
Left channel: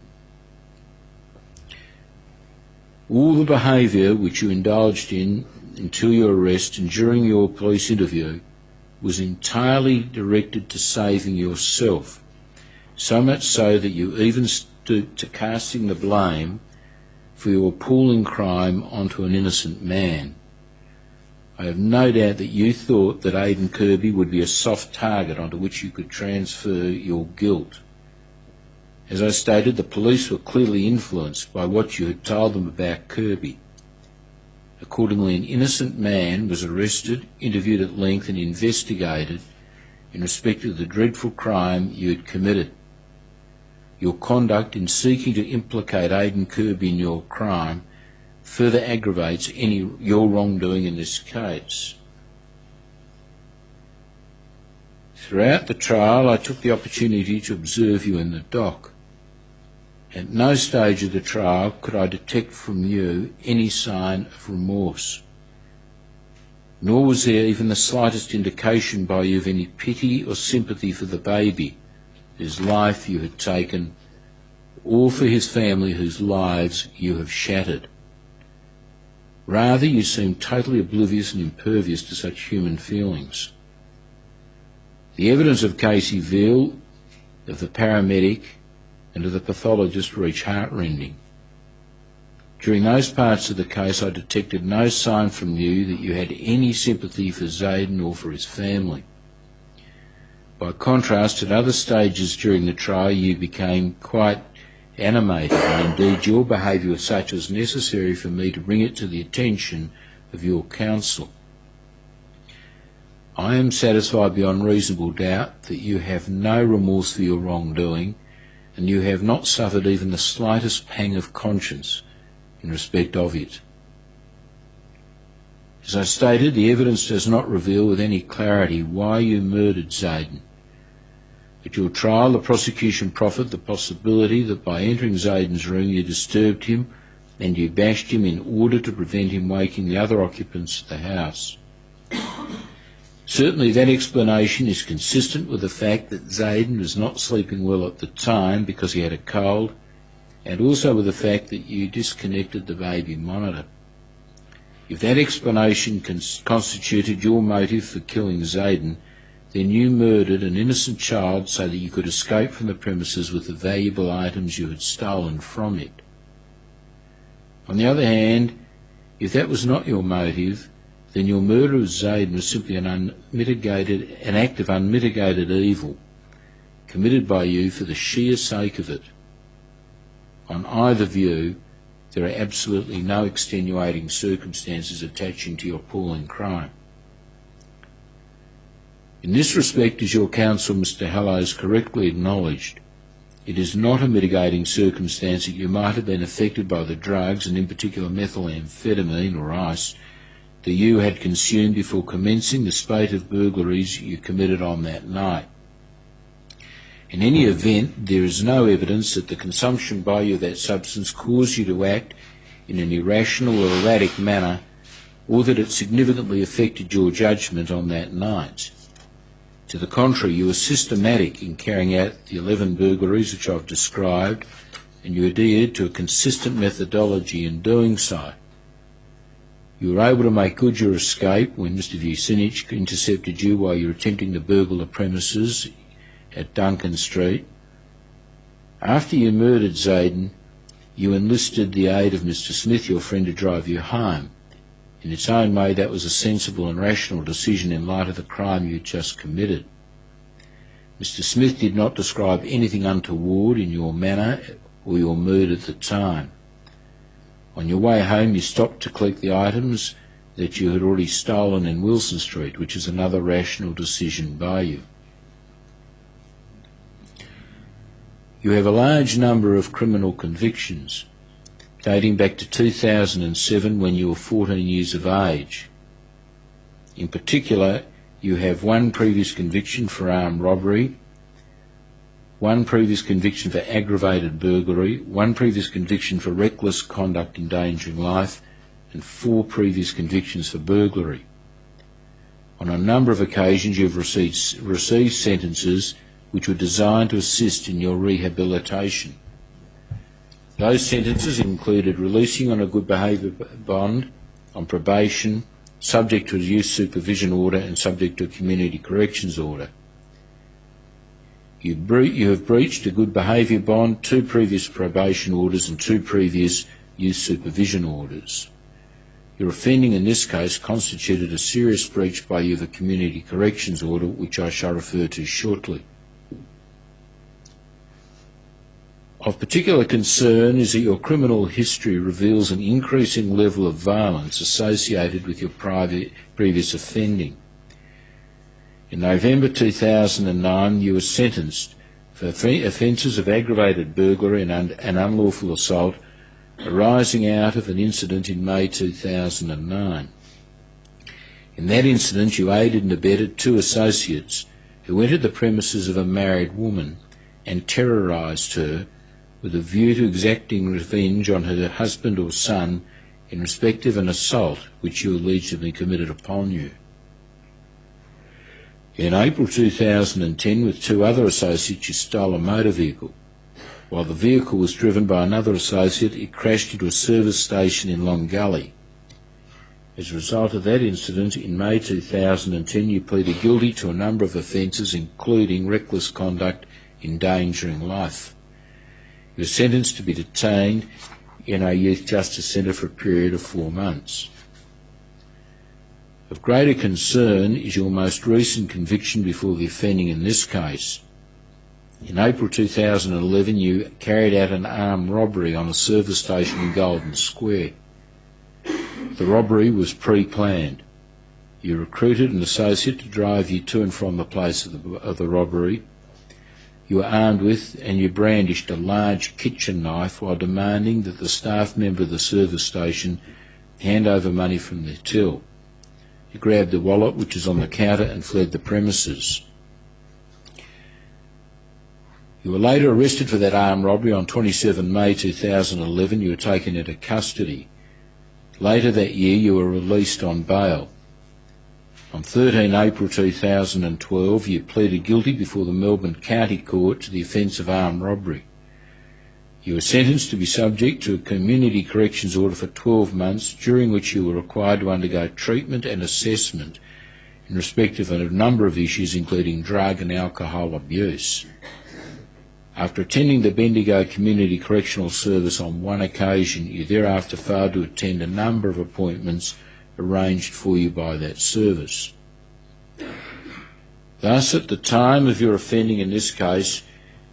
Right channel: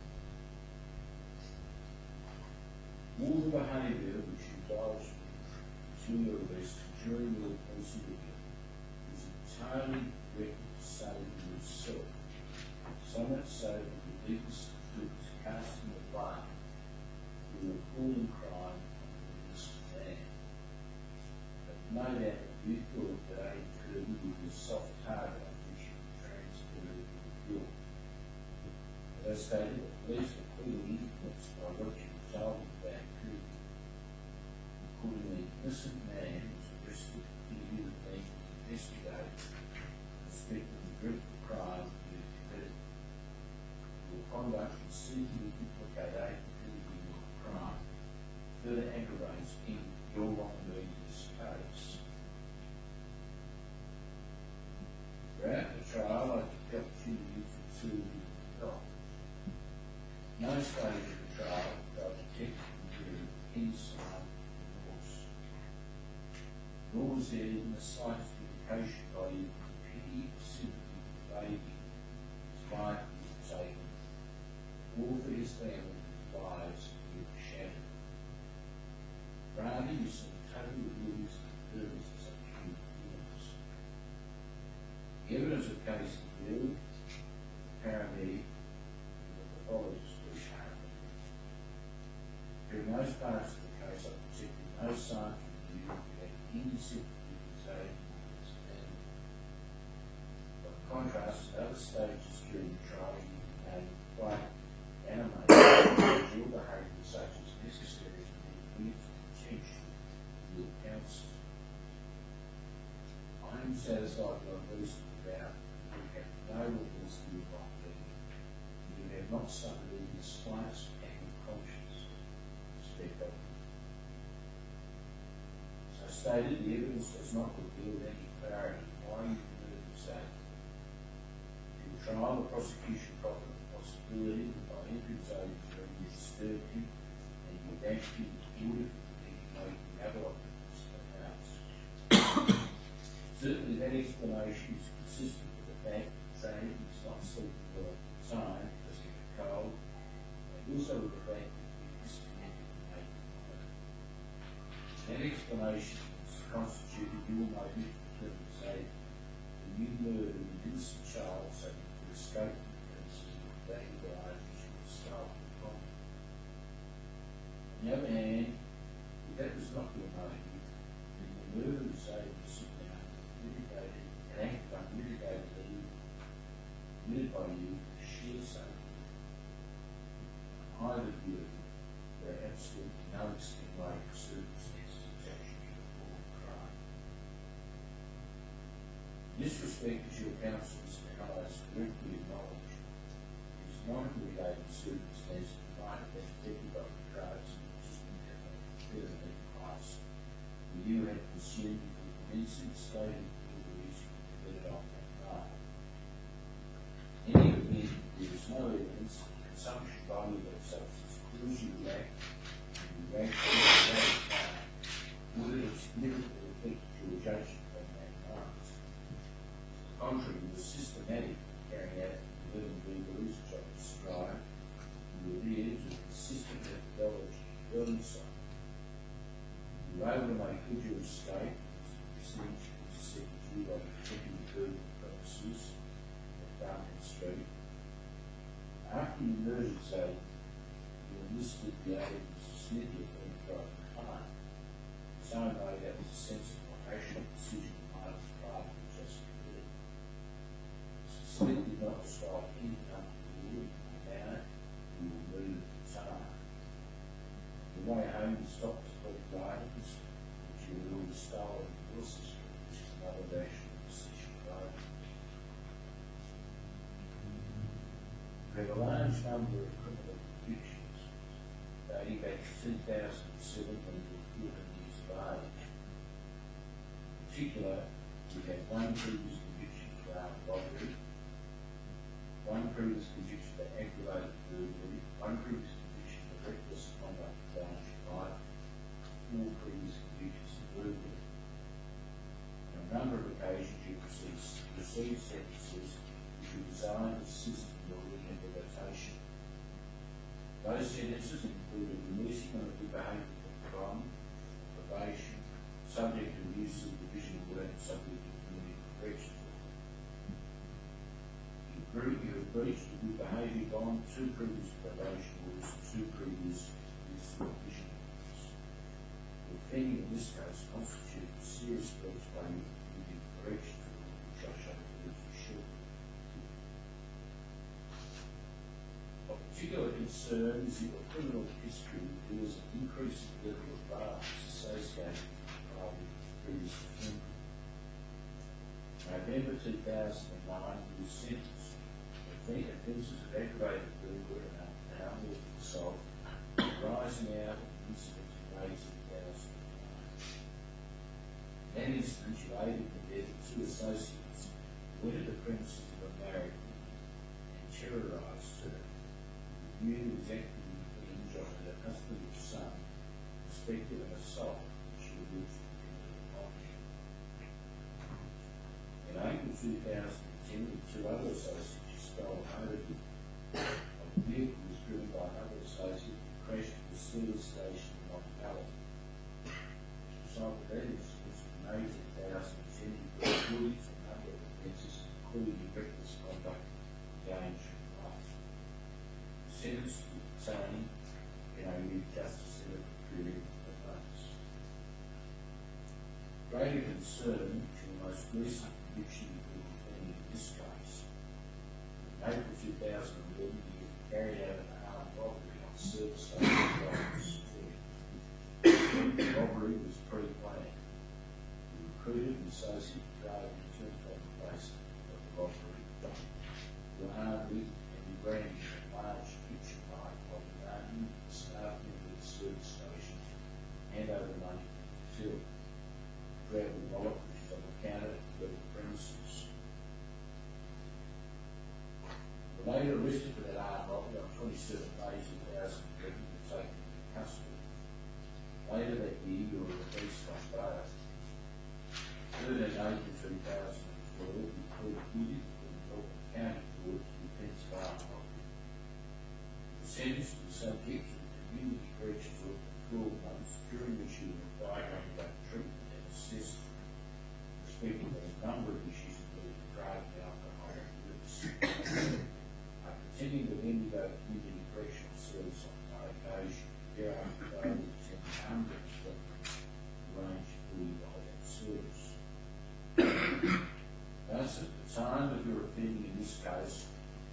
All the behaviour which you indulged in until your arrest and during your police interview was entirely directed to saving yourself, so much so that you even stooped to casting the blame for your appalling crime onto an innocent man. I have no doubt that you thought that Aidan Kirby would be a soft target onto which you could transfer your guilt. As I stated, the police were clearly influenced by what you had told them about Kirby. Accordingly, an innocent man was arrested, interviewed at length and investigated in respect of the dreadful crime you had committed. Your conduct in seeking to implicate Aidan Kirby in your crime further aggravates your wrongdoing in this case. Throughout the trial, I took the opportunity to observe you in the dock. At no stage of the trial could I detect from you any sign of remorse, nor was there even the slightest indication by you of any pity or sympathy for the baby whose life you had taken, or for his family whose lives you have shattered. Rather, you seemed totally oblivious and impervious to such human feelings. The evidence of Casey Veal, of the paramedic, and of the pathologist were each heartrending. During those parts of the case, I detected no sign from you that you had any sympathy for Zayden or for his family. By contrast, at other stages during the trial, you became quite animated, and indeed your behaviour was such as necessary for me to bring it to the attention of your counsel. I am satisfied beyond reasonable doubt that you have no remorse for your wrongdoing, and you have not suffered even the slightest pang of conscience in respect of it. As I stated, the evidence does not reveal with any clarity why you murdered Zayden. At your trial, the prosecution proffered the possibility that by entering Zayden's room you disturbed him and you bashed him in order to prevent him waking the other occupants of the house. Certainly that explanation is consistent with the fact that Zayden was not sleeping well at the time because he had a cold, and also with the fact that you disconnected the baby monitor. If that explanation constituted your motive for killing Zayden, then you murdered an innocent child so that you could escape from the premises with the valuable items you had stolen from it. On the other hand, if that was not your motive, then your murder of Zayden was simply an act of unmitigated evil, committed by you for the sheer sake of it. On either view, there are absolutely no extenuating circumstances attaching to your appalling crime. In this respect, as your counsel, Mr. Hallows, correctly acknowledged, it is not a mitigating circumstance that you might have been affected by the drugs, and in particular methamphetamine or ice, that you had consumed before commencing the spate of burglaries you committed on that night. In any event, there is no evidence that the consumption by you of that substance caused you to act in an irrational or erratic manner, or that it significantly affected your judgment on that night. To the contrary, you were systematic in carrying out the 11 burglaries which I've described, and you adhered to a consistent methodology in doing so. You were able to make good your escape when Mr. Vucinic intercepted you while you were attempting to burgle the premises at Duncan Street. After you murdered Zayden, you enlisted the aid of Mr. Smith, your friend, to drive you home. In its own way, that was a sensible and rational decision in light of the crime you had just committed. Mr. Smith did not describe anything untoward in your manner or your mood at the time. On your way home, you stopped to collect the items that you had already stolen in Wilson Street, which is another rational decision by you. You have a large number of criminal convictions, dating back to 2007 when you were 14 years of age. In particular, you have one previous conviction for armed robbery, one previous conviction for aggravated burglary, one previous conviction for reckless conduct endangering life, and 4 previous convictions for burglary. On a number of occasions you have received sentences which were designed to assist in your rehabilitation. Those sentences included releasing on a good behaviour bond, on probation, subject to a youth supervision order and subject to a community corrections order. You have breached a good behaviour bond, 2 previous probation orders and 2 previous youth supervision orders. Your offending in this case constituted a serious breach by you of a community corrections order, which I shall refer to shortly. Of particular concern is that your criminal history reveals an increasing level of violence associated with your previous offending. In November 2009, you were sentenced for offences of aggravated burglary and unlawful assault arising out of an incident in May 2009. In that incident, you aided and abetted 2 associates who entered the premises of a married woman and terrorised her with a view to exacting revenge on her husband or son in respect of an assault which you allegedly committed upon you. In April 2010, with 2 other associates, you stole a motor vehicle. While the vehicle was driven by another associate, it crashed into a service station in Long Gully. As a result of that incident, in May 2010, you pleaded guilty to a number of offences, including reckless conduct endangering life. You were sentenced to be detained in a youth justice centre for a period of 4 months. Of greater concern is your most recent conviction before the offending in this case. In April 2011, you carried out an armed robbery on a service station in Golden Square. The robbery was pre-planned. You recruited an associate to drive you to and from the place of the robbery. You were armed with and you brandished a large kitchen knife while demanding that the staff member of the service station hand over money from their till. You grabbed the wallet which was on the counter and fled the premises. You were later arrested for that armed robbery on 27 May 2011. You were taken into custody. Later that year you were released on bail. On 13 April 2012 you pleaded guilty before the Melbourne County Court to the offence of armed robbery. You are sentenced to be subject to a community corrections order for 12 months, during which you are required to undergo treatment and assessment in respect of a number of issues, including drug and alcohol abuse. After attending the Bendigo Community Correctional Service on one occasion, you thereafter failed to attend a number of appointments arranged for you by that service. Thus, at the time of your offending in this case,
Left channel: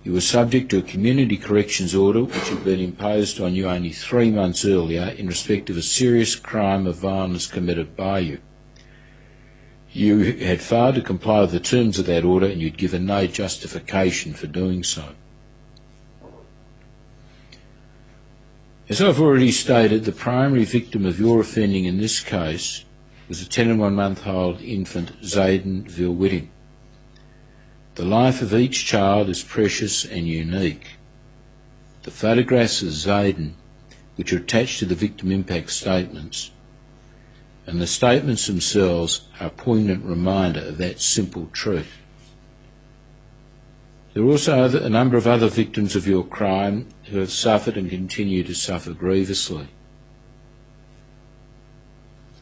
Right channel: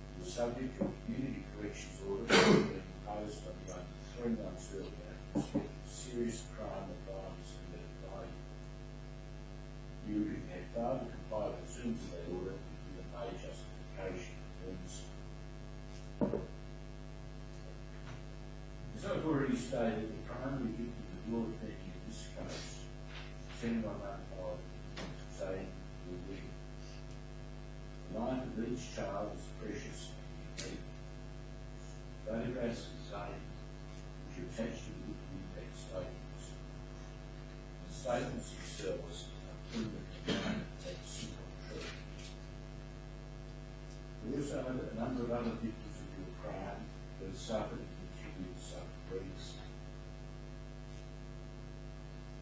you were subject to a community corrections order which had been imposed on you only 3 months earlier in respect of a serious crime of violence committed by you. You had failed to comply with the terms of that order, and you'd given no justification for doing so. As I've already stated, the primary victim of your offending in this case was a 10 and 1 month-old infant, Zayden Veal-Whitting. The life of each child is precious and unique. The photographs of Zayden, which are attached to the victim impact statements, and the statements themselves are a poignant reminder of that simple truth. There are also a number of other victims of your crime who have suffered and continue to suffer grievously.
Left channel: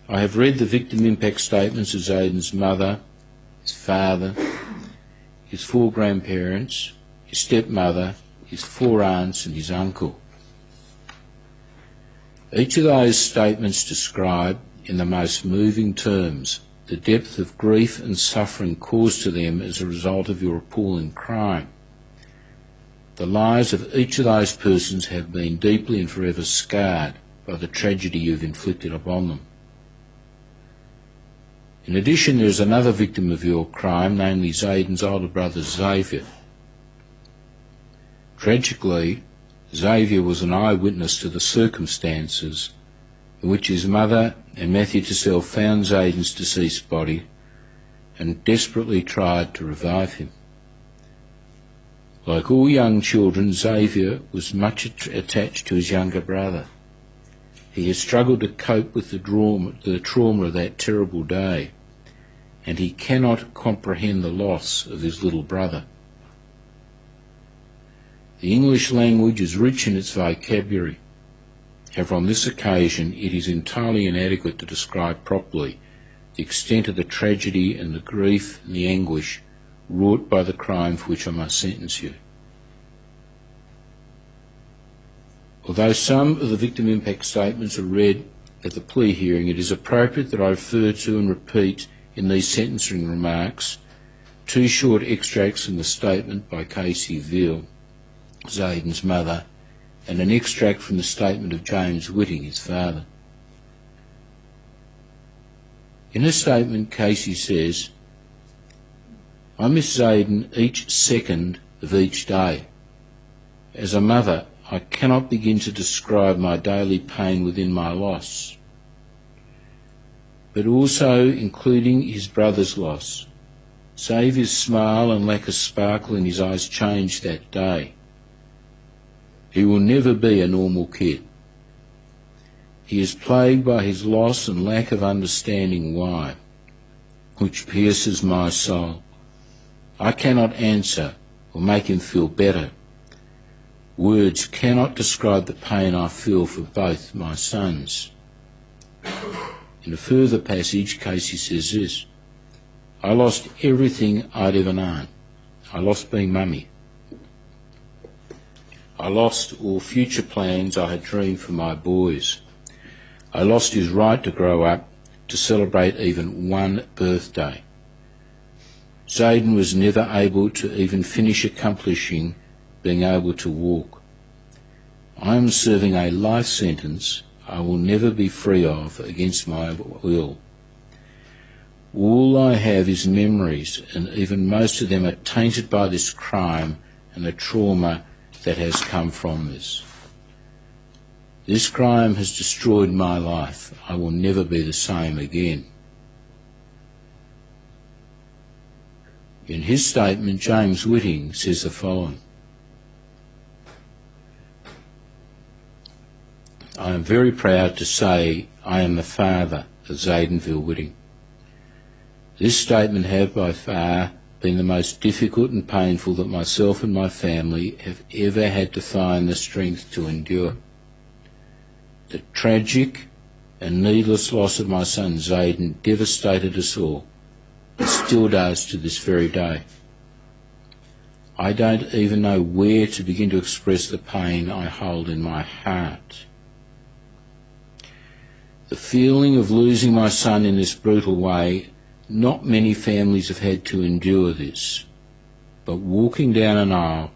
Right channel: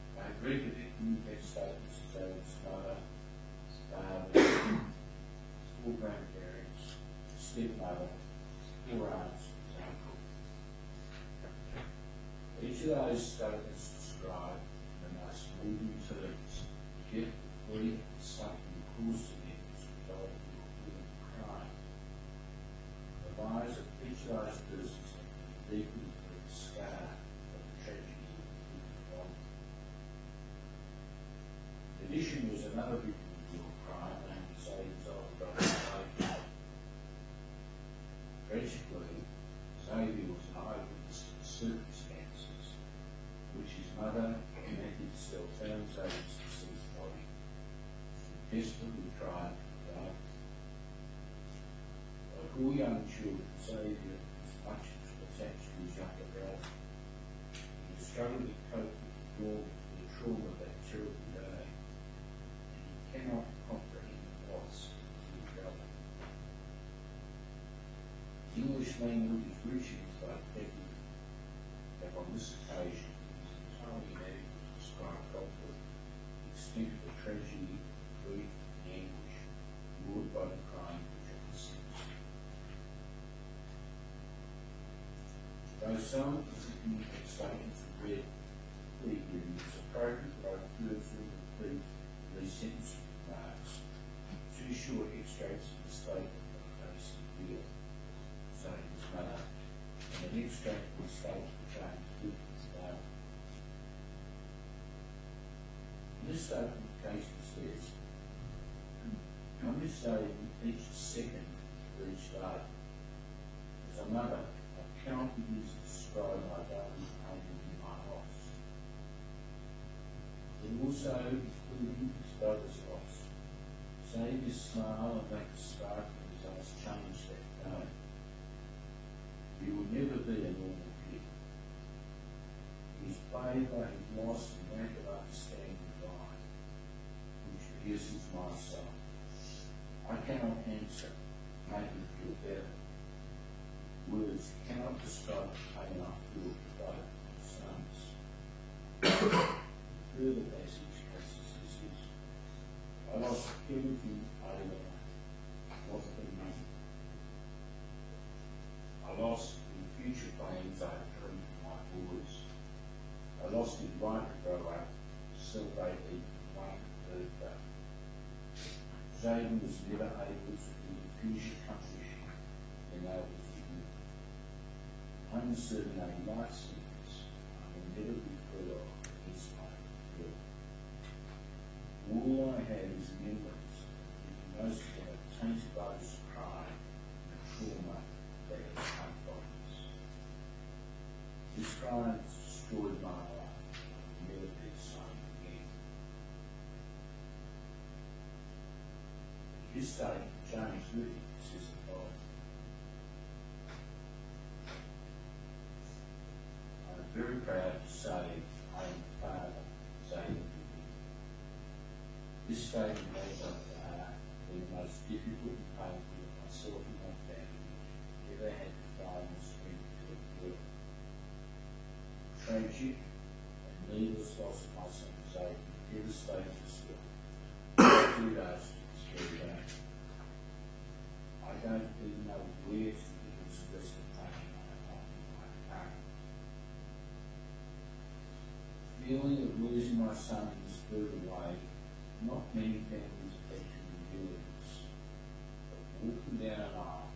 I have read the victim impact statements of Zayden's mother, his father, his 4 grandparents, his stepmother, his 4 aunts and his uncle. Each of those statements describe, in the most moving terms, the depth of grief and suffering caused to them as a result of your appalling crime. The lives of each of those persons have been deeply and forever scarred by the tragedy you've inflicted upon them. In addition, there is another victim of your crime, namely Zayden's older brother Xavier. Tragically, Xavier was an eyewitness to the circumstances in which his mother and Matthew Tissell found Zayden's deceased body and desperately tried to revive him. Like all young children, Xavier was much attached to his younger brother. He has struggled to cope with the trauma of that terrible day, and he cannot comprehend the loss of his little brother. The English language is rich in its vocabulary. However, on this occasion, it is entirely inadequate to describe properly the extent of the tragedy and the grief and the anguish wrought by the crime for which I must sentence you. Although some of the victim impact statements are read at the plea hearing, it is appropriate that I refer to and repeat in these sentencing remarks 2 short extracts from the statement by Casey Veal, Zayden's mother, and an extract from the statement of James Whitting, his father. In her statement, Casey says, "I miss Zayden each second of each day. As a mother, I cannot begin to describe my daily pain within my loss, but also including his brother's loss. Xavier's smile and lack of sparkle in his eyes changed that day. He will never be a normal kid. He is plagued by his loss and lack of understanding why, which pierces my soul. I cannot answer or make him feel better. Words cannot describe the pain I feel for both my sons." In a further passage, Casey says this, "I lost everything I'd ever known. I lost being mummy. I lost all future plans I had dreamed for my boys. I lost his right to grow up, to celebrate even one birthday. Zayden was never able to even finish accomplishing being able to walk. I am serving a life sentence I will never be free of against my will. All I have is memories, and even most of them are tainted by this crime and the trauma that has come from this. This crime has destroyed my life. I will never be the same again." In his statement, James Whitting says the following, "I am very proud to say I am the father of Zayden Veal-Whitting. This statement has by far been the most difficult and painful that myself and my family have ever had to find the strength to endure. The tragic and needless loss of my son Zayden devastated us all. It still does to this very day. I don't even know where to begin to express the pain I hold in my heart. The feeling of losing my son in this brutal way, not many families have had to endure this, but walking down an aisle,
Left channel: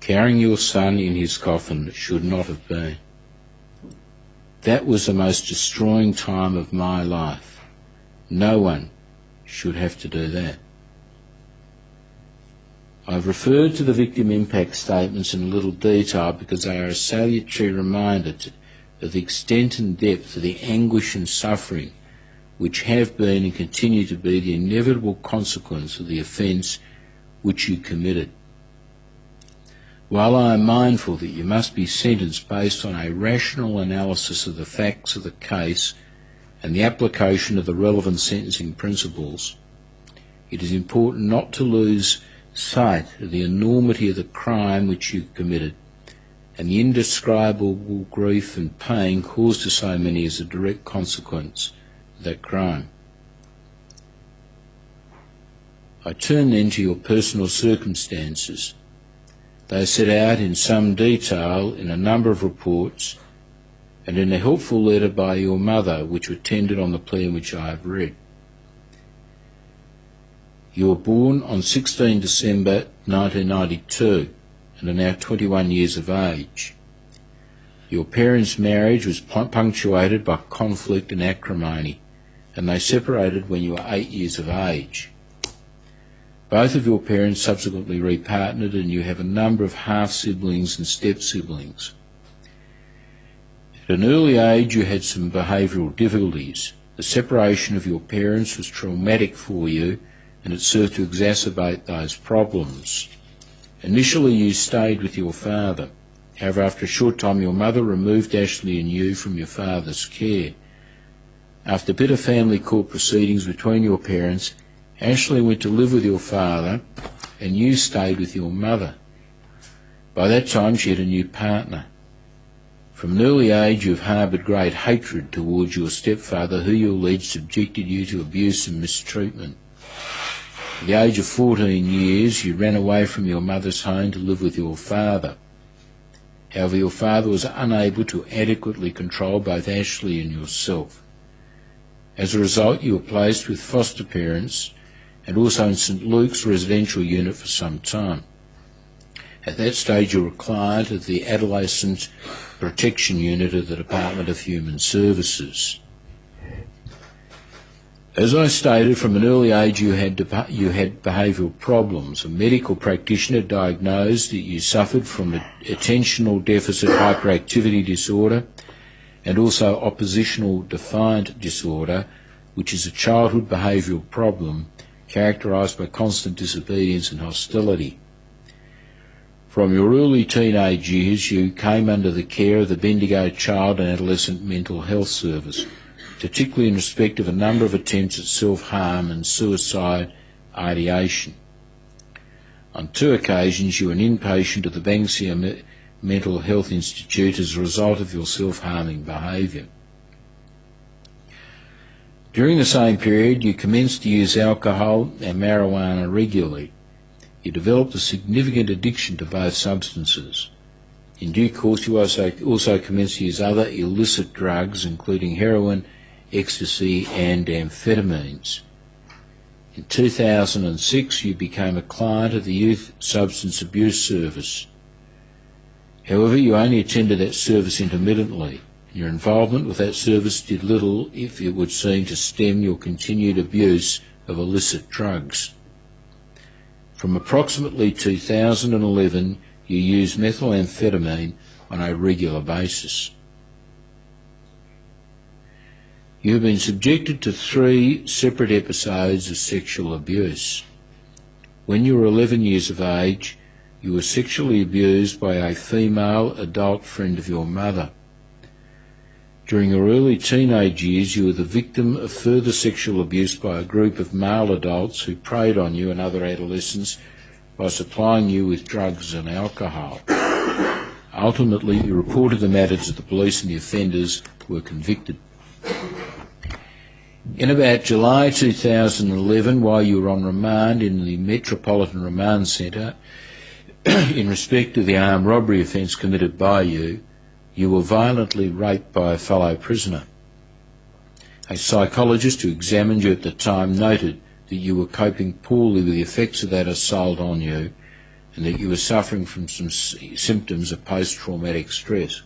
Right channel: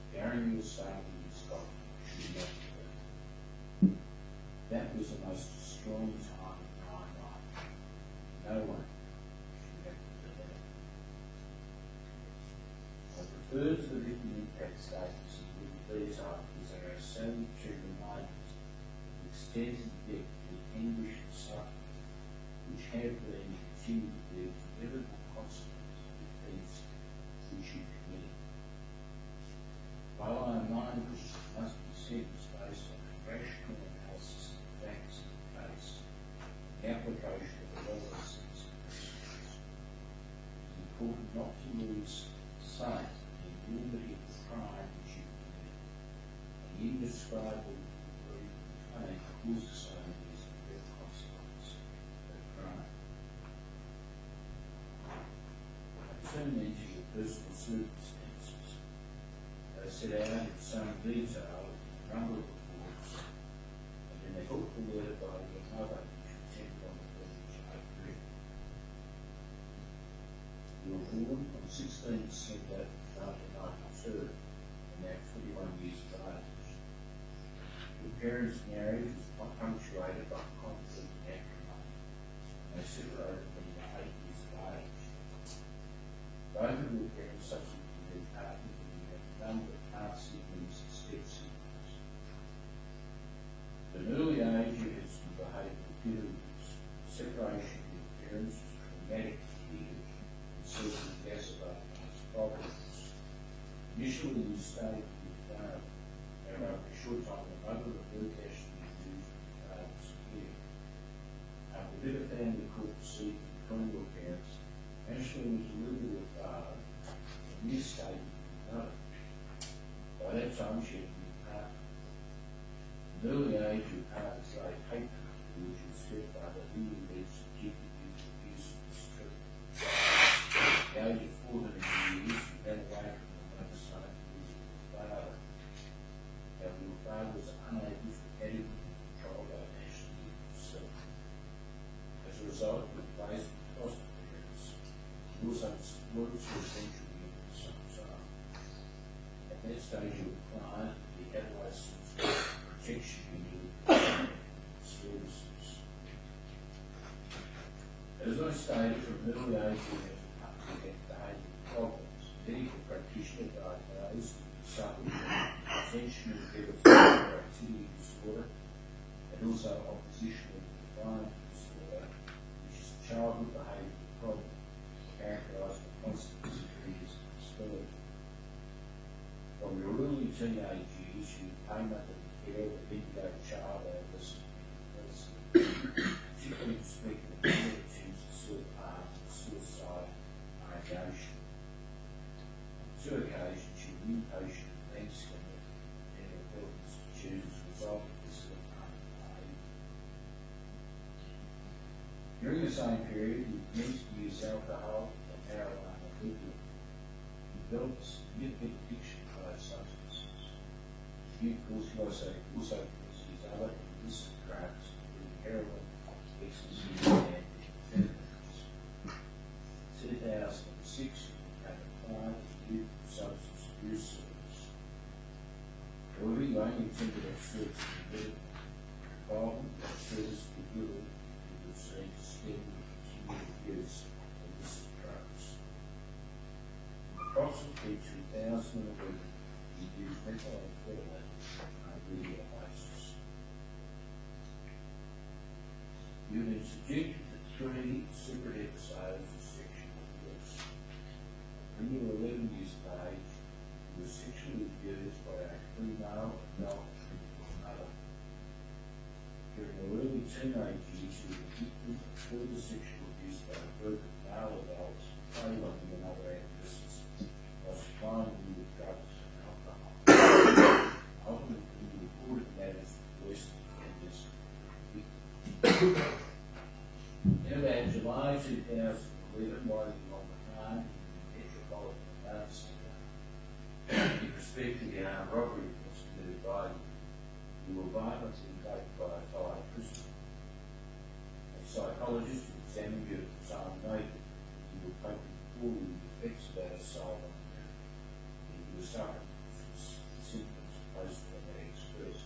carrying your son in his coffin should not have been. That was the most destroying time of my life. No one should have to do that. I've referred to the victim impact statements in a little detail because they are a salutary reminder of the extent and depth of the anguish and suffering which have been and continue to be the inevitable consequence of the offence which you committed. While I am mindful that you must be sentenced based on a rational analysis of the facts of the case and the application of the relevant sentencing principles, it is important not to lose sight of the enormity of the crime which you committed and the indescribable grief and pain caused to so many as a direct consequence of that crime. I turn then to your personal circumstances. They are set out in some detail in a number of reports and in a helpful letter by your mother which were tendered on the plea which I have read. You were born on 16 December 1992 and are now 21 years of age. Your parents' marriage was punctuated by conflict and acrimony, and they separated when you were 8 years of age. Both of your parents subsequently repartnered, and you have a number of half-siblings and step-siblings. At an early age you had some behavioural difficulties. The separation of your parents was traumatic for you, and it served to exacerbate those problems. Initially you stayed with your father. However, after a short time your mother removed Ashley and you from your father's care. After bitter family court proceedings between your parents, Ashley went to live with your father and you stayed with your mother. By that time she had a new partner. From an early age you have harboured great hatred towards your stepfather, who you allege subjected you to abuse and mistreatment. At the age of 14 years, you ran away from your mother's home to live with your father. However, your father was unable to adequately control both Ashley and yourself. As a result, you were placed with foster parents and also in St Luke's residential unit for some time. At that stage, you were a client of the Adolescent Protection Unit of the Department of Human Services. As I stated, from an early age you had behavioural problems. A medical practitioner diagnosed that you suffered from attentional deficit hyperactivity disorder and also oppositional defiant disorder, which is a childhood behavioural problem characterised by constant disobedience and hostility. From your early teenage years you came under the care of the Bendigo Child and Adolescent Mental Health Service, particularly in respect of a number of attempts at self-harm and suicide ideation. On 2 occasions you were an inpatient at the Banksia Mental Health Institute as a result of your self-harming behaviour. During the same period you commenced to use alcohol and marijuana regularly. You developed a significant addiction to both substances. In due course you also commenced to use other illicit drugs, including heroin, ecstasy and amphetamines. In 2006 you became a client of the Youth Substance Abuse Service. However, you only attended that service intermittently. Your involvement with that service did little, if it would seem, to stem your continued abuse of illicit drugs. From approximately 2011 you used methamphetamine on a regular basis. You have been subjected to 3 separate episodes of sexual abuse. When you were 11 years of age, you were sexually abused by a female adult friend of your mother. During your early teenage years, you were the victim of further sexual abuse by a group of male adults who preyed on you and other adolescents by supplying you with drugs and alcohol. Ultimately, you reported the matter to the police and the offenders were convicted. In about July 2011, while you were on remand in the Metropolitan Remand Centre, in respect of the armed robbery offence committed by you, you were violently raped by a fellow prisoner. A psychologist who examined you at the time noted that you were coping poorly with the effects of that assault on you and that you were suffering from some symptoms of post-traumatic stress.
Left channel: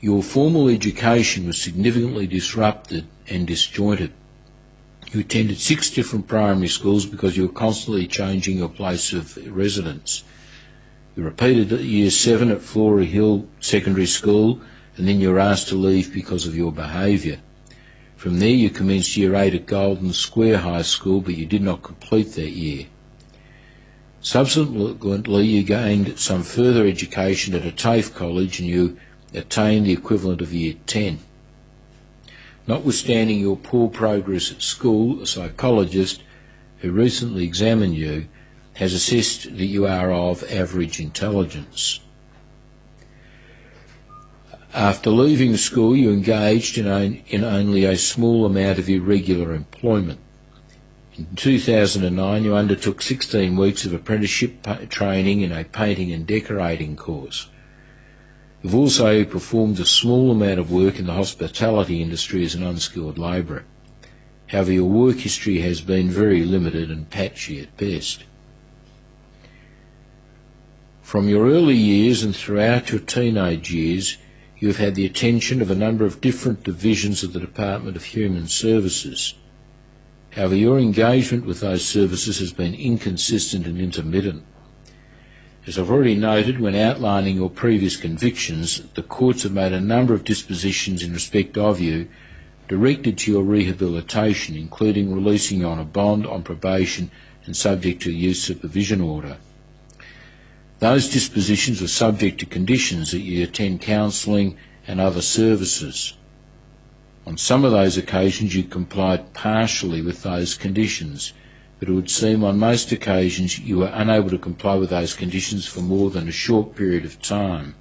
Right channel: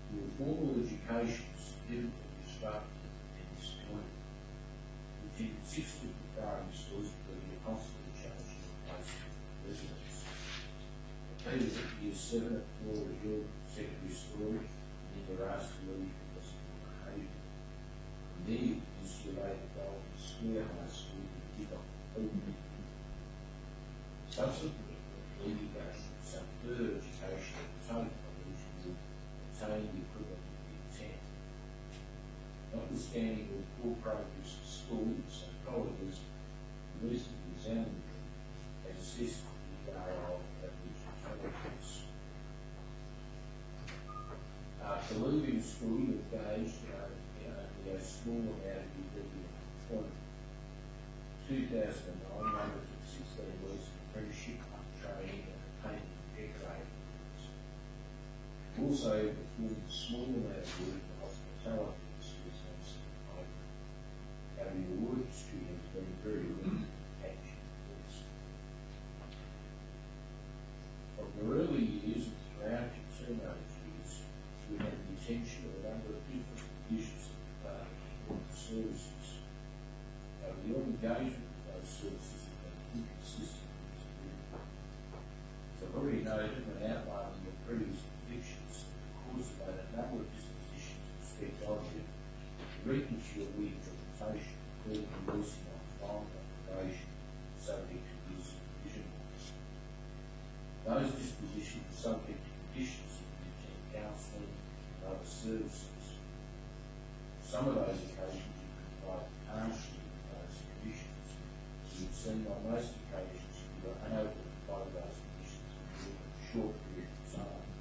Your formal education was significantly disrupted and disjointed. You attended 6 different primary schools because you were constantly changing your place of residence. You repeated Year 7 at Flora Hill Secondary School, and then you were asked to leave because of your behaviour. From there you commenced Year 8 at Golden Square High School, but you did not complete that year. Subsequently, you gained some further education at a TAFE college and you attained the equivalent of Year 10. Notwithstanding your poor progress at school, a psychologist who recently examined you has assessed that you are of average intelligence. After leaving school, you engaged in only a small amount of irregular employment. In 2009, you undertook 16 weeks of apprenticeship training in a painting and decorating course. You've also performed a small amount of work in the hospitality industry as an unskilled labourer. However, your work history has been very limited and patchy at best. From your early years and throughout your teenage years, you have had the attention of a number of different divisions of the Department of Human Services. However, your engagement with those services has been inconsistent and intermittent. As I've already noted when outlining your previous convictions, the courts have made a number of dispositions in respect of you directed to your rehabilitation, including releasing you on a bond, on probation and subject to a youth supervision order. Those dispositions were subject to conditions that you attend counselling and other services. On some of those occasions you complied partially with those conditions, but it would seem on most occasions you were unable to comply with those conditions for more than a short period of time.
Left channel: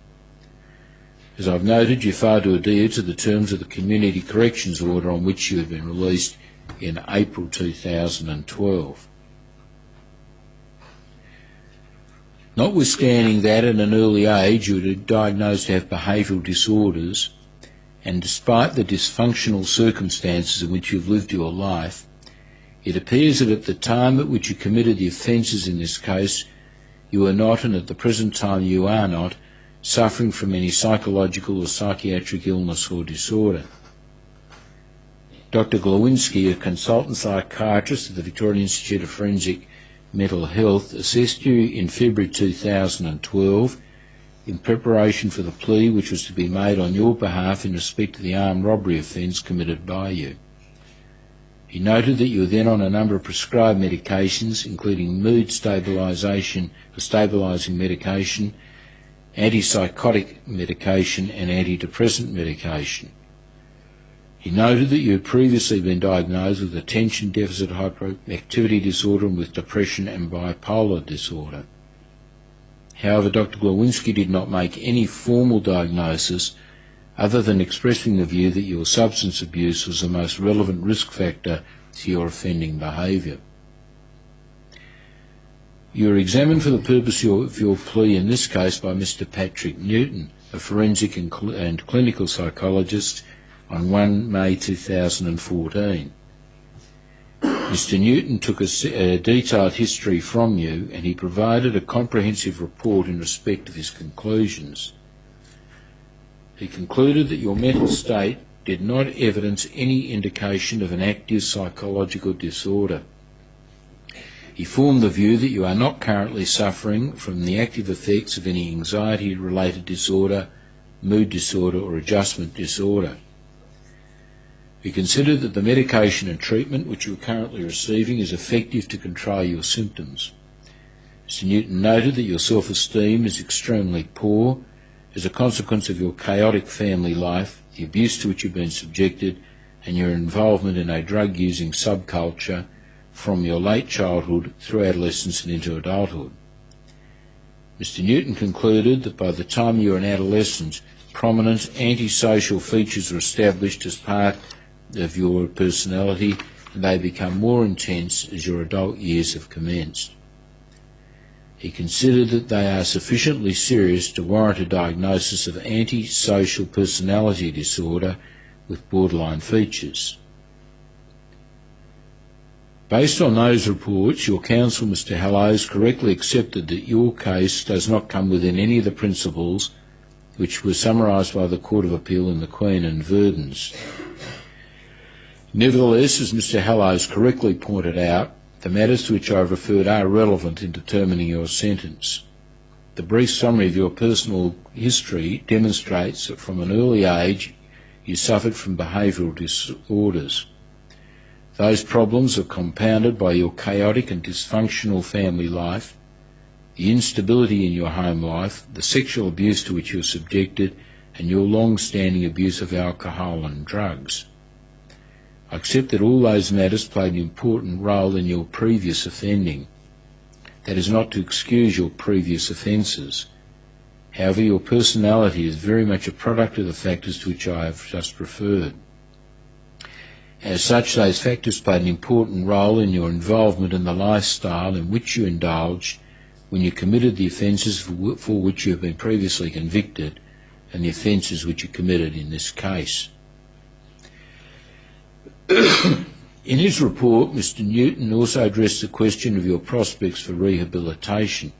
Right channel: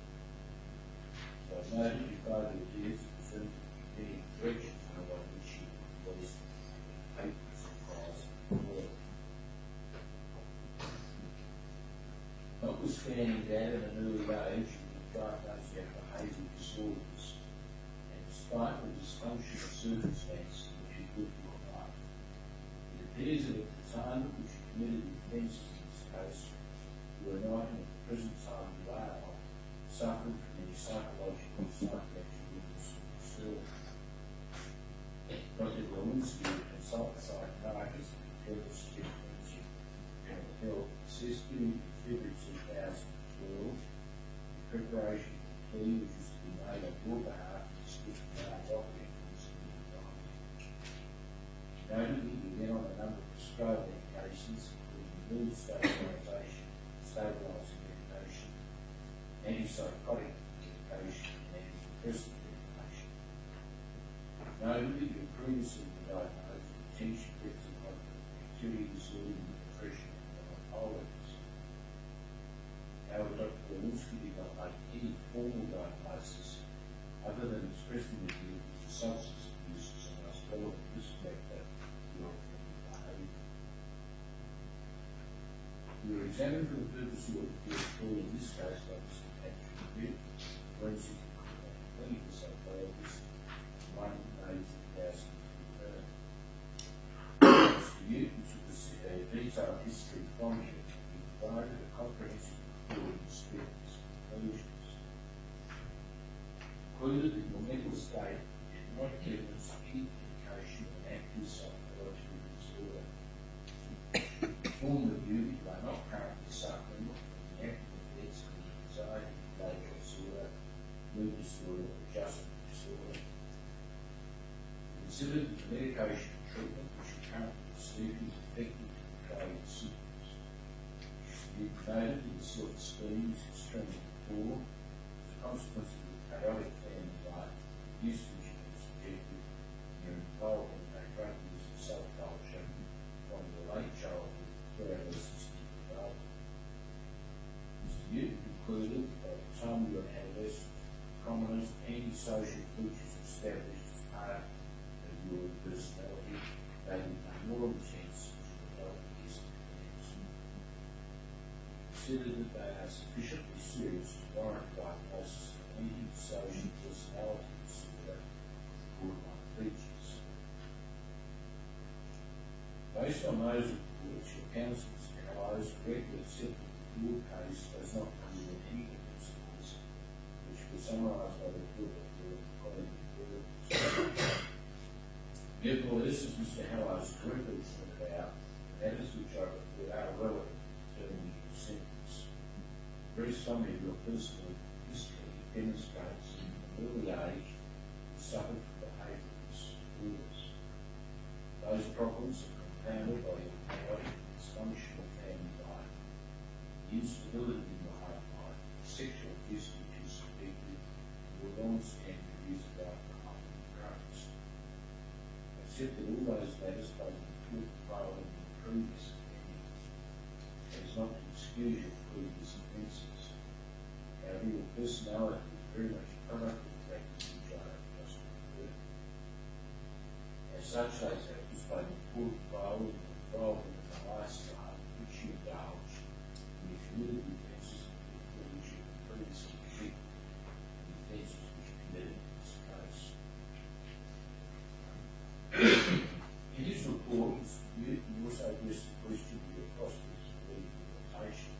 As I've noted, you failed to adhere to the terms of the Community Corrections Order on which you had been released in April 2012. Notwithstanding that at an early age you were diagnosed to have behavioural disorders, and despite the dysfunctional circumstances in which you've lived your life, it appears that at the time at which you committed the offences in this case, you were not, and at the present time you are not, suffering from any psychological or psychiatric illness or disorder. Dr. Glowinski, a consultant psychiatrist at the Victorian Institute of Forensic Mental Health, assessed you in February 2012 in preparation for the plea which was to be made on your behalf in respect to the armed robbery offence committed by you. He noted that you were then on a number of prescribed medications, including mood stabilising medication, antipsychotic medication and antidepressant medication. He noted that you had previously been diagnosed with attention deficit hyperactivity disorder and with depression and bipolar disorder. However, Dr. Glowinski did not make any formal diagnosis other than expressing the view that your substance abuse was the most relevant risk factor to your offending behaviour. You were examined for the purpose of your plea in this case by Mr. Patrick Newton, a forensic and clinical psychologist, on 1 May 2014. Mr. Newton took a detailed history from you and he provided a comprehensive report in respect of his conclusions. He concluded that your mental state did not evidence any indication of an active psychological disorder. He formed the view that you are not currently suffering from the active effects of any anxiety-related disorder, mood disorder or adjustment disorder. We consider that the medication and treatment which you are currently receiving is effective to control your symptoms. Mr. Newton noted that your self-esteem is extremely poor as a consequence of your chaotic family life, the abuse to which you've been subjected, and your involvement in a drug-using subculture from your late childhood through adolescence and into adulthood. Mr. Newton concluded that by the time you were an adolescent, prominent antisocial features were established as part of your personality, and they become more intense as your adult years have commenced. He considered that they are sufficiently serious to warrant a diagnosis of antisocial personality disorder with borderline features. Based on those reports, your counsel, Mr. Hallows, correctly accepted that your case does not come within any of the principles which were summarised by the Court of Appeal in the Queen and Verdens. Nevertheless, as Mr. Hallows correctly pointed out, the matters to which I have referred are relevant in determining your sentence. The brief summary of your personal history demonstrates that from an early age you suffered from behavioural disorders. Those problems are compounded by your chaotic and dysfunctional family life, the instability in your home life, the sexual abuse to which you are subjected, and your long-standing abuse of alcohol and drugs. I accept that all those matters played an important role in your previous offending. That is not to excuse your previous offences. However, your personality is very much a product of the factors to which I have just referred. As such, those factors played an important role in your involvement in the lifestyle in which you indulged when you committed the offences for which you have been previously convicted and the offences which you committed in this case. In his report, Mr. Newton also addressed the question of your prospects for rehabilitation.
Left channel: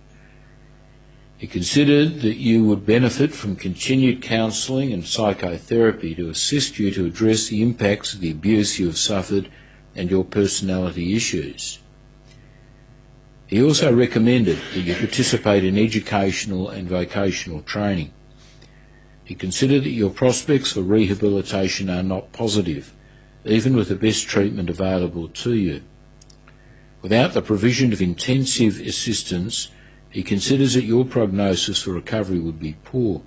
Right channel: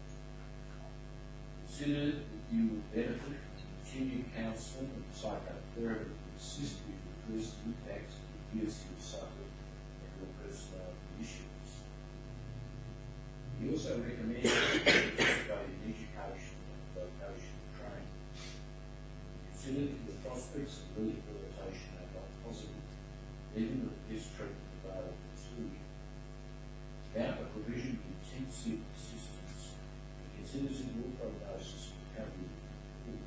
He considered that you would benefit from continued counselling and psychotherapy to assist you to address the impacts of the abuse you have suffered and your personality issues. He also recommended that you participate in educational and vocational training. He considered that your prospects for rehabilitation are not positive, even with the best treatment available to you. Without the provision of intensive assistance, he considers that your prognosis for recovery would be poor.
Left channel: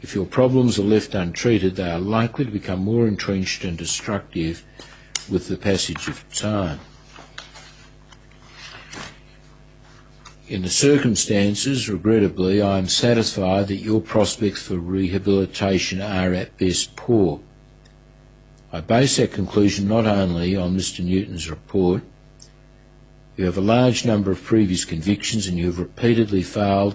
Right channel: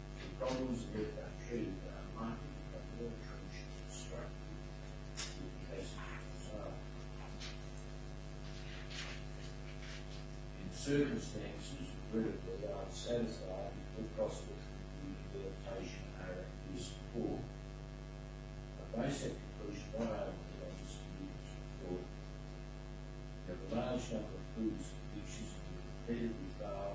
If your problems are left untreated, they are likely to become more entrenched and destructive with the passage of time. In the circumstances, regrettably, I am satisfied that your prospects for rehabilitation are at best poor. I base that conclusion not only on Mr. Newton's report. You have a large number of previous convictions and you have repeatedly failed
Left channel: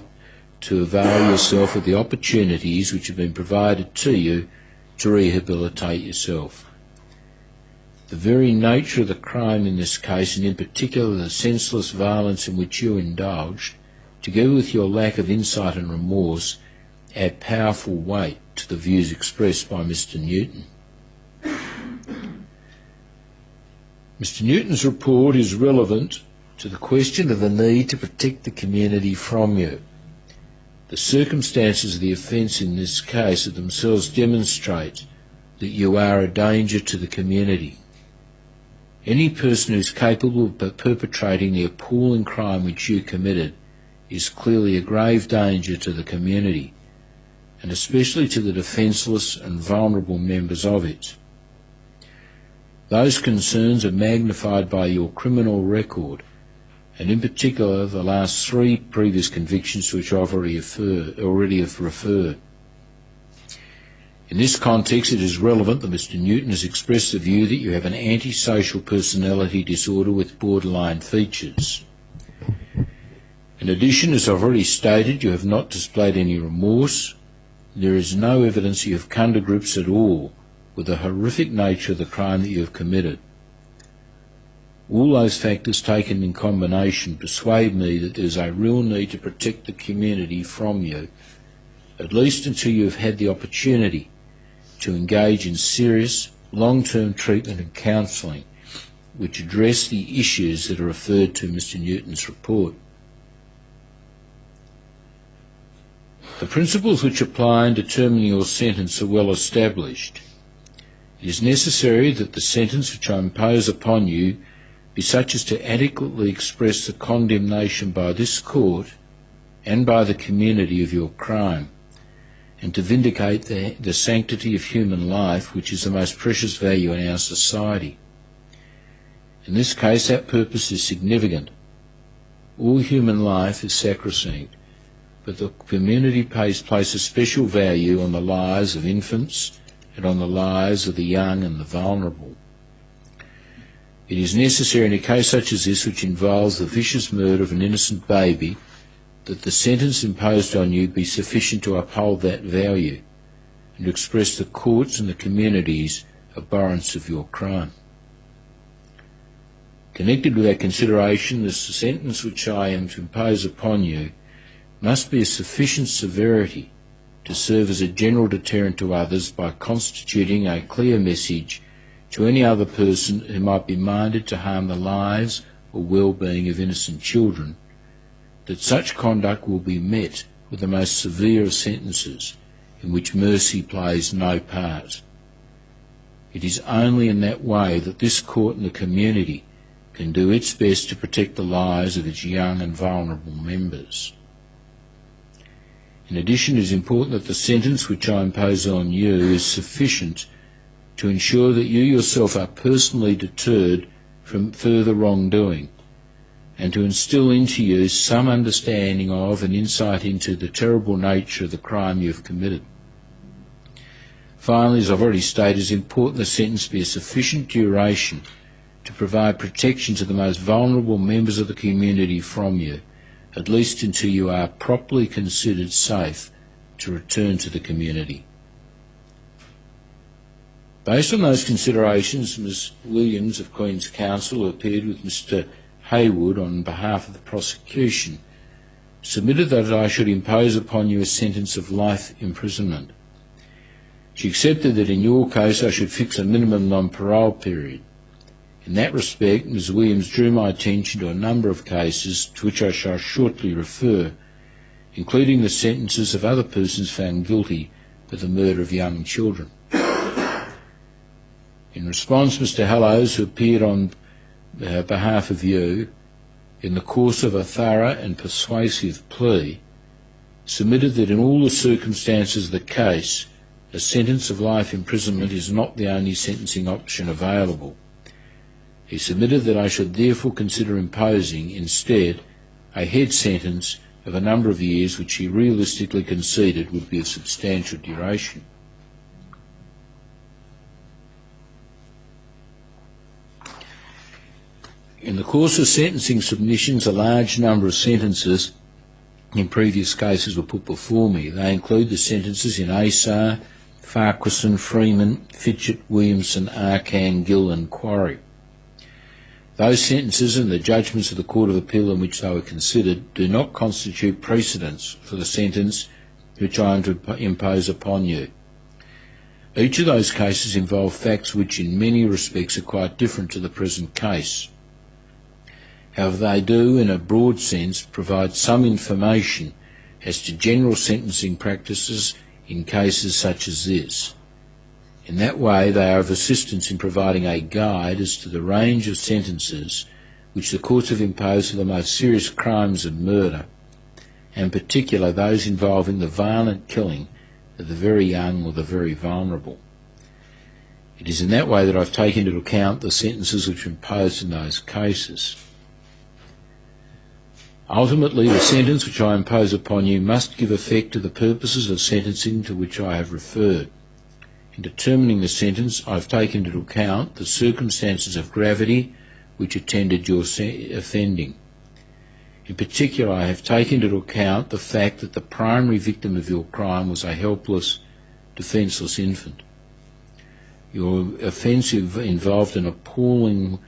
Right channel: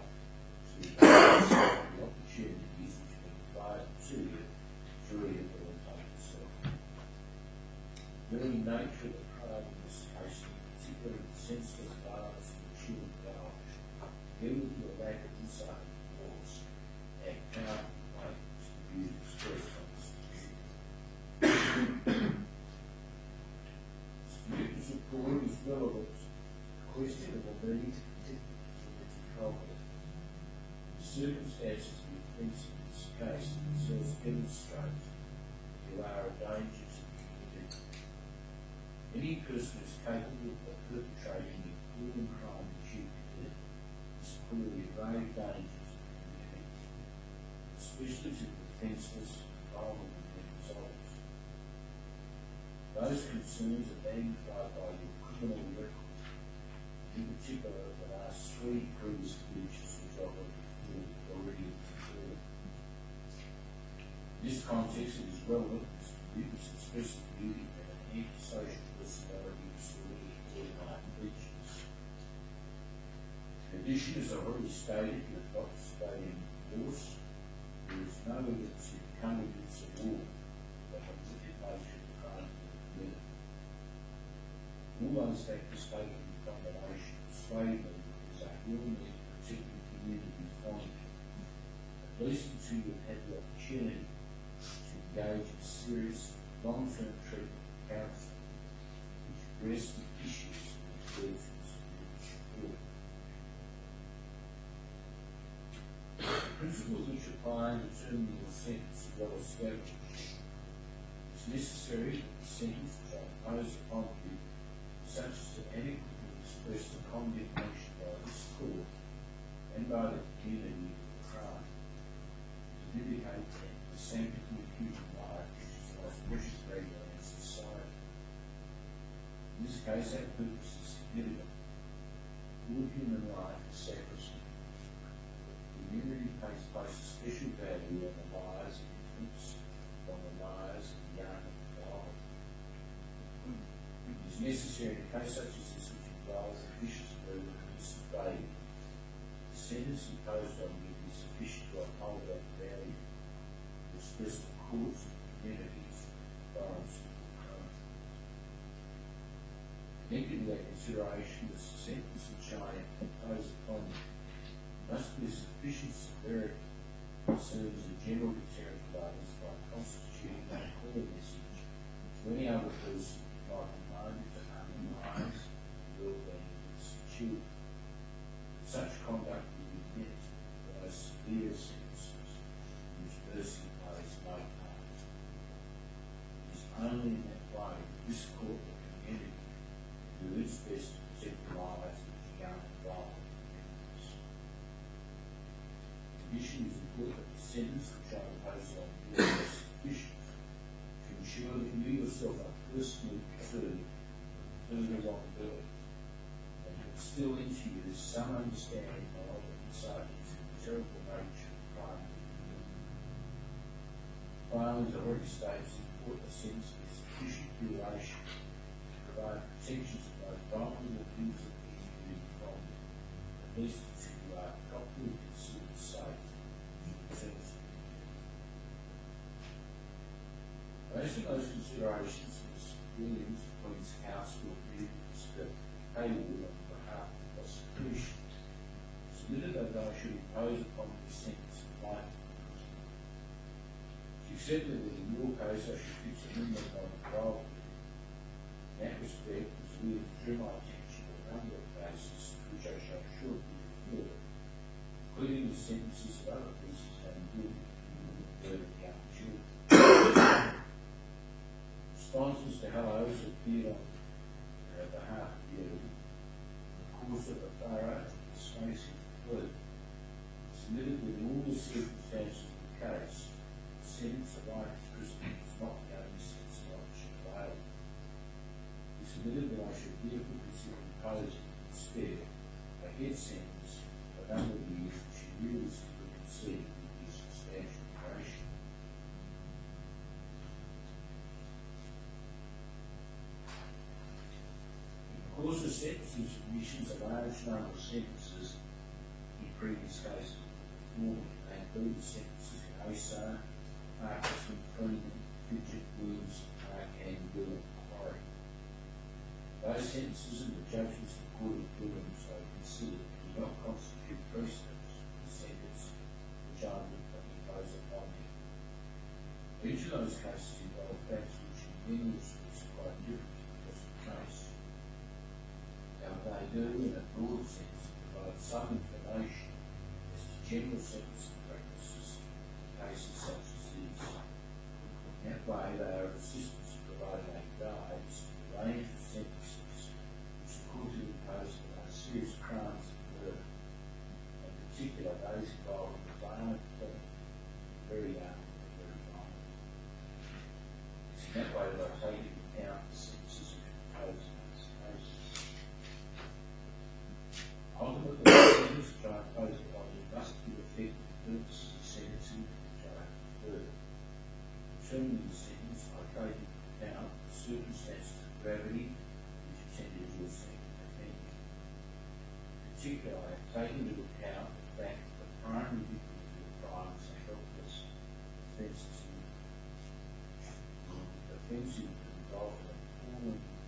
to avail yourself of the opportunities which have been provided to you to rehabilitate yourself. The very nature of the crime in this case, and in particular the senseless violence in which you indulged, together with your lack of insight and remorse, add powerful weight to the views expressed by Mr. Newton. Mr. Newton's report is relevant to the question of the need to protect the community from you. The circumstances of the offence in this case of themselves demonstrate that you are a danger to the community. Any person who is capable of perpetrating the appalling crime which you committed is clearly a grave danger to the community, and especially to the defenceless and vulnerable members of it. Those concerns are magnified by your criminal record, and in particular the last 3 previous convictions to which I've already have referred. In this context, it is relevant that Mr. Newton has expressed the view that you have an antisocial personality disorder with borderline features. In addition, as I've already stated, you have not displayed any remorse. There is no evidence you have come to grips at all with the horrific nature of the crime that you have committed. All those factors taken in combination persuade me that there is a real need to protect the community from you, at least until you have had the opportunity to engage in serious, long-term treatment and counselling which address the issues that are referred to in Mr. Newton's report. The principles which apply in determining your sentence are well established. It is necessary that the sentence which I impose upon you be be such as to adequately express the condemnation by this court and by the community of your crime, and to vindicate the sanctity of human life, which is the most precious value in our society. In this case, that purpose is significant. All human life is sacrosanct, but the community places special value on the lives of infants and on the lives of the young and the vulnerable. It is necessary in a case such as this, which involves the vicious murder of an innocent baby, that the sentence imposed on you be sufficient to uphold that value and to express the court's and the community's abhorrence of your crime. Connected with that consideration, the sentence which I am to impose upon you must be of sufficient severity to serve as a general deterrent to others by constituting a clear message to any other person who might be minded to harm the lives or well-being of innocent children, that such conduct will be met with the most severe of sentences, in which mercy plays no part. It is only in that way that this court and the community can do its best to protect the lives of its young and vulnerable members. In addition, it is important that the sentence which I impose on you is sufficient to ensure that you yourself are personally deterred from further wrongdoing, and to instil into you some understanding of and insight into the terrible nature of the crime you have committed. Finally, as I've already stated, it is important the sentence be of sufficient duration to provide protection to the most vulnerable members of the community from you, at least until you are properly considered safe to return to the community. Based on those considerations, Ms Williams of Queen's Counsel, who appeared with Mr Haywood on behalf of the prosecution, submitted that I should impose upon you a sentence of life imprisonment. She accepted that in your case I should fix a minimum non-parole period. In that respect, Ms Williams drew my attention to a number of cases to which I shall shortly refer, including the sentences of other persons found guilty of the murder of young children. In response, Mr Hallows, who appeared on behalf of you, in the course of a thorough and persuasive plea, submitted that in all the circumstances of the case, a sentence of life imprisonment is not the only sentencing option available. He submitted that I should therefore consider imposing, instead, a head sentence of a number of years which he realistically conceded would be of substantial duration. In the course of sentencing submissions, a large number of sentences in previous cases were put before me. They include the sentences in Asar, Farquharson, Freeman, Fitchett, Williamson, Arcan, Gill and Quarry. Those sentences and the judgments of the Court of Appeal in which they were considered do not constitute precedents for the sentence which I am to impose upon you. Each of those cases involve facts which in many respects are quite different to the present case. However, they do, in a broad sense, provide some information as to general sentencing practices in cases such as this. In that way, they are of assistance in providing a guide as to the range of sentences which the courts have imposed for the most serious crimes of murder, and in particular those involving the violent killing of the very young or the very vulnerable. It is in that way that I've taken into account the sentences which are imposed in those cases. Ultimately, the sentence which I impose upon you must give effect to the purposes of sentencing to which I have referred. In determining the sentence, I have taken into account the circumstances of gravity which attended your offending. In particular, I have taken into account the fact that the primary victim of your crime was a helpless, defenceless infant. Your offence involved an appalling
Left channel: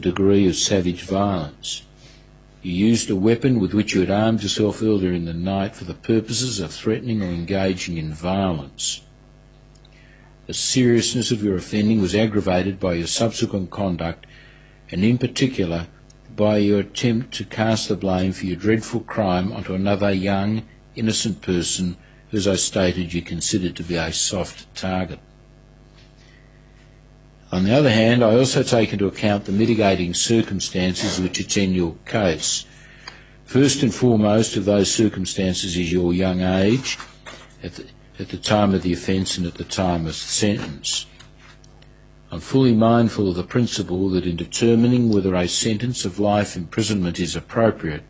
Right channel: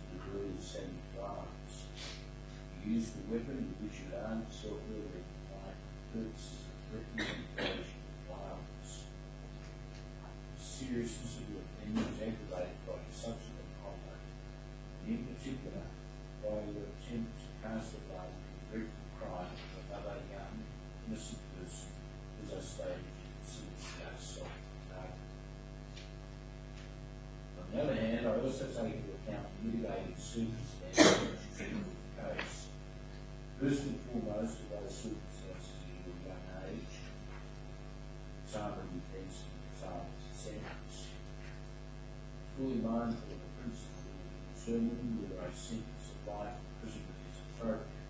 degree of savage violence. You used a weapon with which you had armed yourself earlier in the night for the purposes of threatening or engaging in violence. The seriousness of your offending was aggravated by your subsequent conduct, and in particular by your attempt to cast the blame for your dreadful crime onto another young, innocent person who, as I stated, you considered to be a soft target. On the other hand, I also take into account the mitigating circumstances which attend your case. First and foremost of those circumstances is your young age at the time of the offence and at the time of the sentence. I'm fully mindful of the principle that in determining whether a sentence of life imprisonment is appropriate,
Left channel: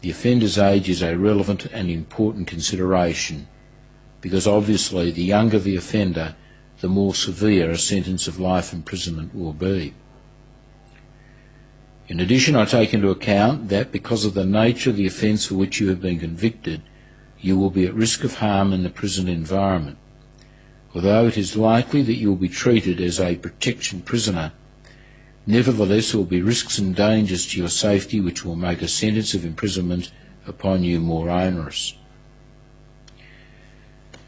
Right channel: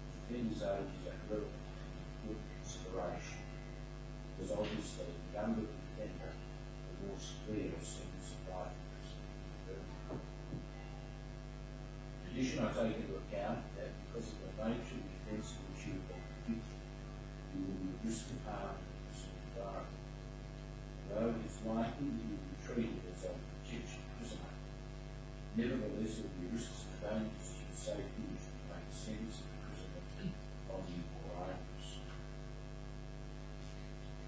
the offender's age is a relevant and important consideration, because obviously the younger the offender, the more severe a sentence of life imprisonment will be. In addition, I take into account that because of the nature of the offence for which you have been convicted, you will be at risk of harm in the prison environment. Although it is likely that you will be treated as a protection prisoner, nevertheless there will be risks and dangers to your safety which will make a sentence of imprisonment upon you more onerous.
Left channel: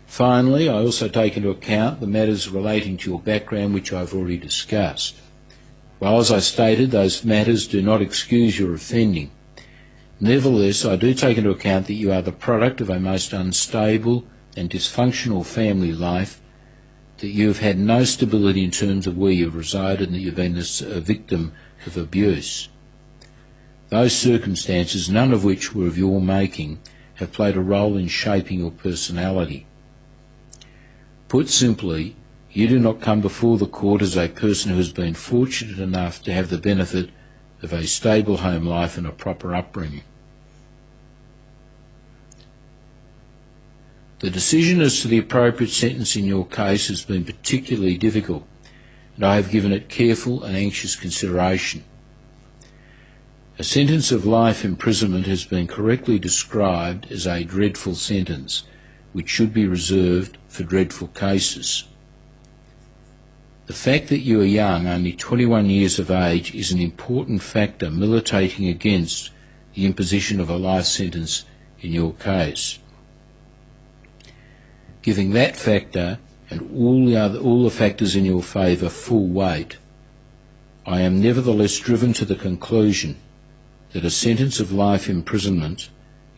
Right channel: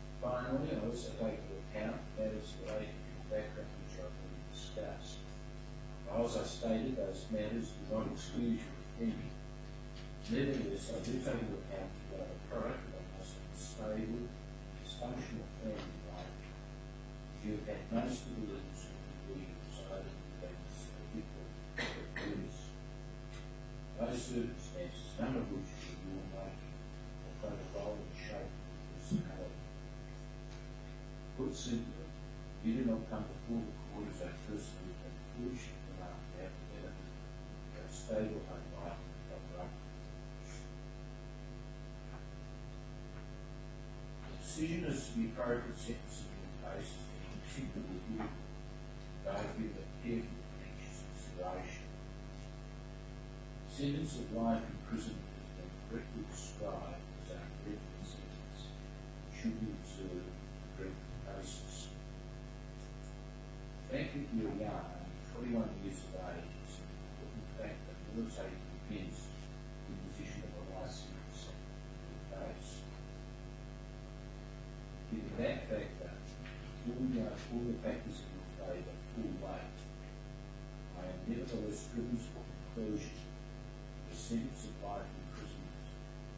Finally, I also take into account the matters relating to your background which I have already discussed. While, as I stated, those matters do not excuse your offending, nevertheless I do take into account that you are the product of a most unstable and dysfunctional family life, that you have had no stability in terms of where you have resided, and that you have been a victim of abuse. Those circumstances, none of which were of your making, have played a role in shaping your personality. Put simply, you do not come before the court as a person who has been fortunate enough to have the benefit of a stable home life and a proper upbringing. The decision as to the appropriate sentence in your case has been particularly difficult, and I have given it careful and anxious consideration. A sentence of life imprisonment has been correctly described as a dreadful sentence, which should be reserved for dreadful cases. The fact that you are young, only 21 years of age, is an important factor militating against the imposition of a life sentence in your case. Giving that factor and all the factors in your favour full weight, I am nevertheless driven to the conclusion that a sentence of life imprisonment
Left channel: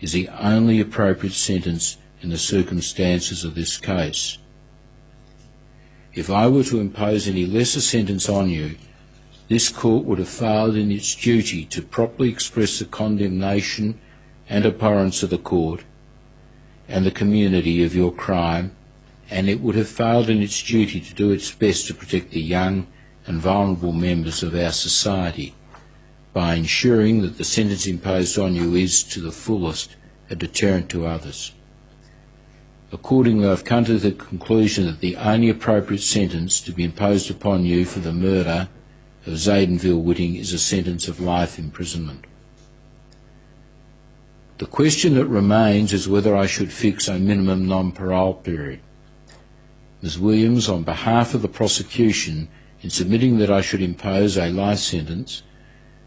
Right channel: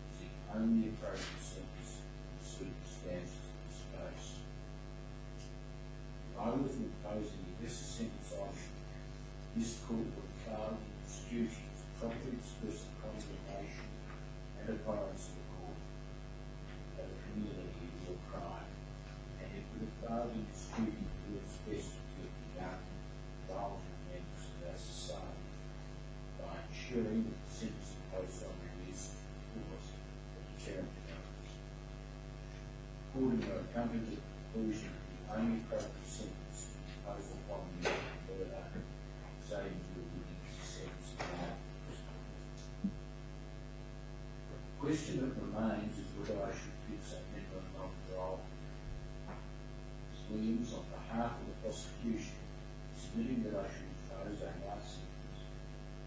is the only appropriate sentence in the circumstances of this case. If I were to impose any lesser sentence on you, this court would have failed in its duty to properly express the condemnation and abhorrence of the court and the community of your crime, and it would have failed in its duty to do its best to protect the young and vulnerable members of our society by ensuring that the sentence imposed on you is, to the fullest, a deterrent to others. Accordingly, I have come to the conclusion that the only appropriate sentence to be imposed upon you for the murder of Zayden Whitting is a sentence of life imprisonment. The question that remains is whether I should fix a minimum non-parole period. Ms Williams, on behalf of the prosecution, in submitting that I should impose a life sentence,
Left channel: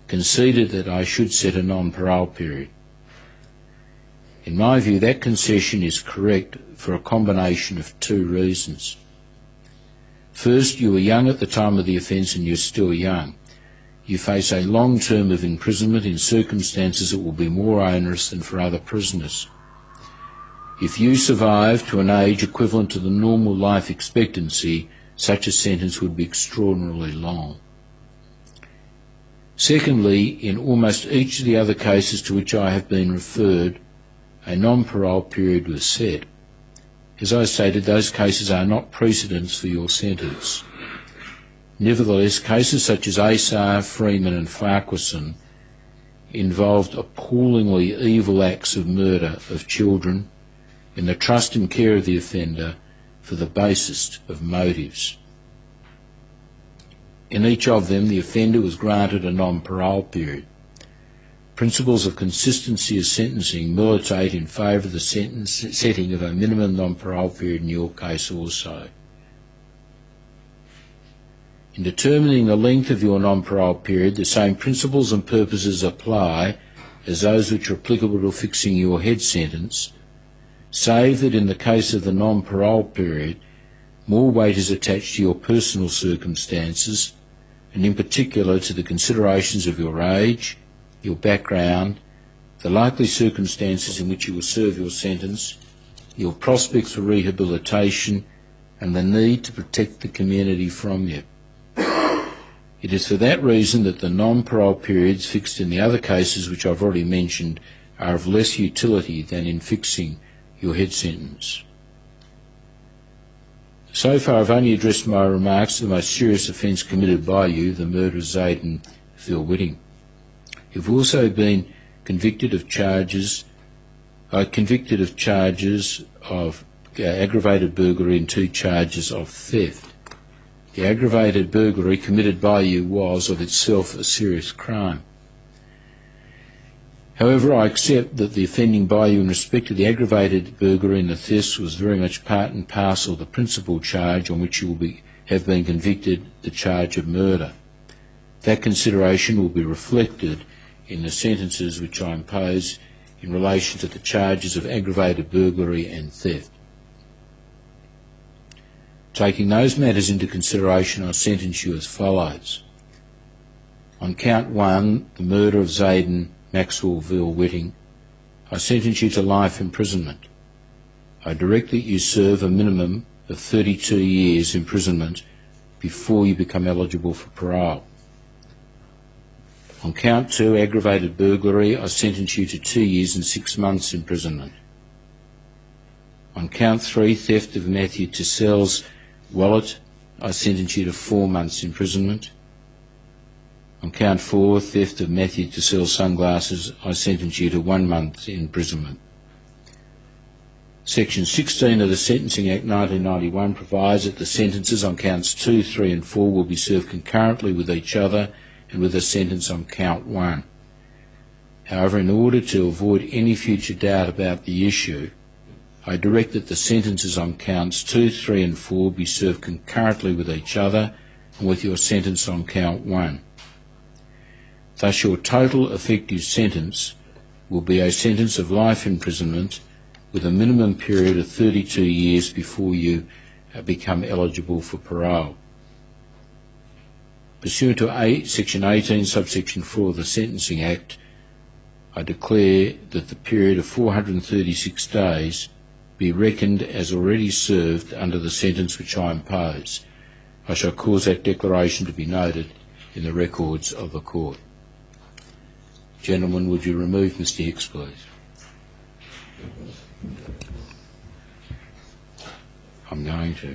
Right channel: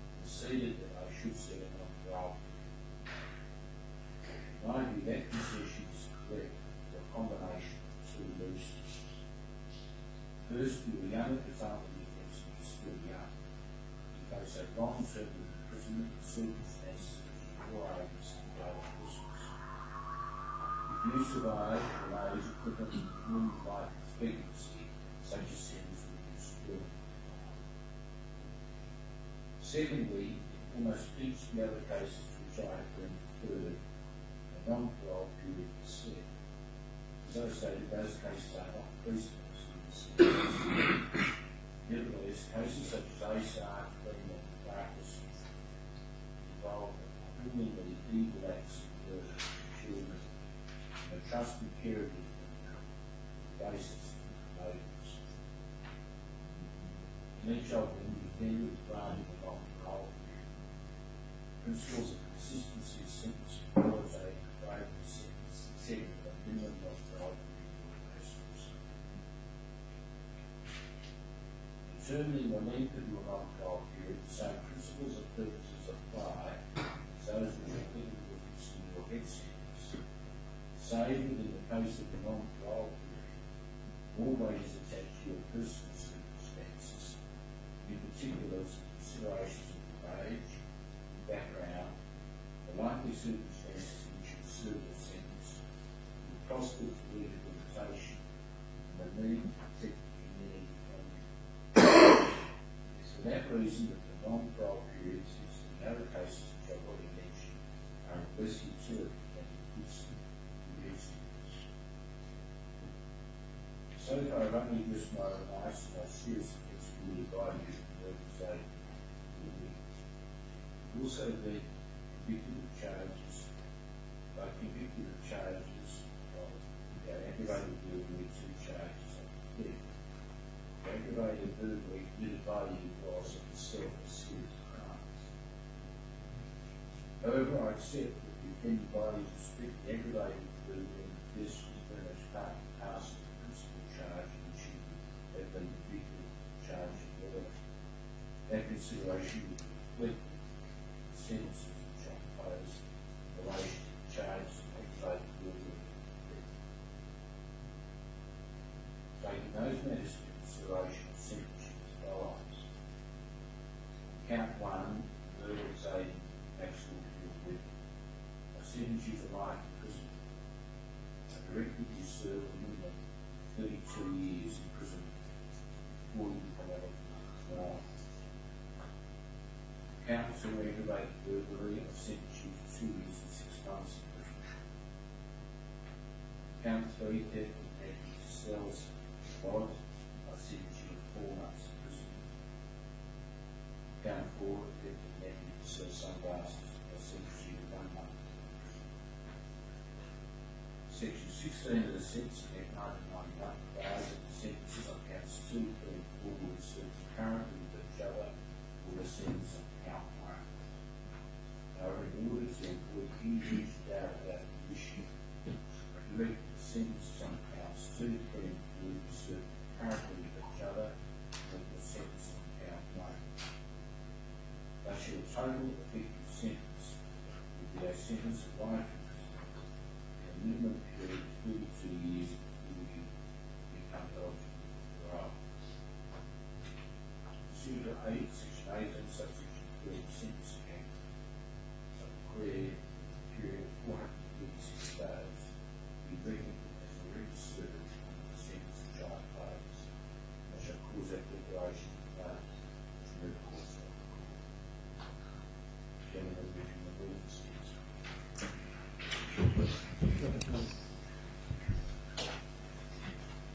conceded that I should set a non-parole period. In my view, that concession is correct for a combination of two reasons. First, you were young at the time of the offence and you're still young. You face a long term of imprisonment in circumstances that will be more onerous than for other prisoners. If you survive to an age equivalent to the normal life expectancy, such a sentence would be extraordinarily long. Secondly, in almost each of the other cases to which I have been referred, a non-parole period was set. As I stated, those cases are not precedents for your sentence. Nevertheless, cases such as Asar, Freeman and Farquharson involved appallingly evil acts of murder of children in the trust and care of the offender for the basest of motives. In each of them, the offender was granted a non-parole period. Principles of consistency of sentencing militate in favour of the setting of a minimum non-parole period in your case also. In determining the length of your non-parole period, the same principles and purposes apply as those which are applicable to fixing your head sentence, save that in the case of the non-parole period, more weight is attached to your personal circumstances, and in particular to the considerations of your age, your background, the likely circumstances in which you will serve your sentence, your prospects for rehabilitation, and the need to protect the community from you. It is for that reason that the non-parole periods fixed in the other cases which I've already mentioned are of less utility than in fixing your head sentence. So far I've only addressed my remarks to the most serious offence committed by you, the murder of Zayden Phil Whitting. You've also been convicted of charges of aggravated burglary and 2 charges of theft. The aggravated burglary committed by you was of itself a serious crime. However, I accept that the offending by you in respect to the aggravated burglary and the theft was very much part and parcel of the principal charge on which you have been convicted, the charge of murder. That consideration will be reflected in the sentences which I impose in relation to the charges of aggravated burglary and theft. Taking those matters into consideration, I sentence you as follows. On count 1, the murder of Zayden Maxwell Whitting, I sentence you to life imprisonment. I direct that you serve a minimum of 32 years imprisonment before you become eligible for parole. On count 2, aggravated burglary, I sentence you to 2 years and 6 months imprisonment. On count 3, theft of Matthew Tissell's wallet, I sentence you to 4 months imprisonment. On count 4, theft of Matthew Tissell's sunglasses, I sentence you to 1 month imprisonment. Section 16 of the Sentencing Act 1991 provides that the sentences on counts 2, 3 and 4 will be served concurrently with each other and with a sentence on count 1. However, in order to avoid any future doubt about the issue, I direct that the sentences on counts 2, 3 and 4 be served concurrently with each other and with your sentence on count 1. Thus your total effective sentence will be a sentence of life imprisonment with a minimum period of 32 years before you become eligible for parole. Pursuant to Section 18, subsection 4 of the Sentencing Act, I declare that the period of 436 days be reckoned as already served under the sentence which I impose. I shall cause that declaration to be noted in the records of the court. Gentlemen, would you remove Mr. Hicks, please? I'm going to.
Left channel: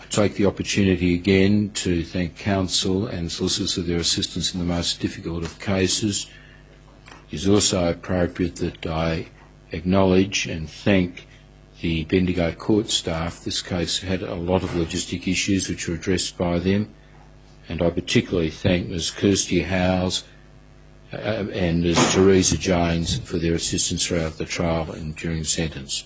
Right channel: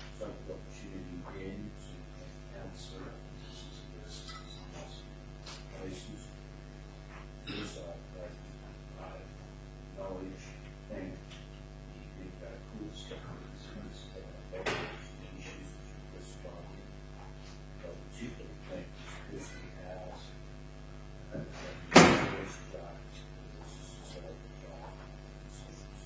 I take the opportunity again to thank counsel and solicitors for their assistance in the most difficult of cases. It is also appropriate that I acknowledge and thank the Bendigo court staff. This case had a lot of logistic issues which were addressed by them, and I particularly thank Ms Kirsty Howes and Ms Teresa Jones for their assistance throughout the trial and during the sentence.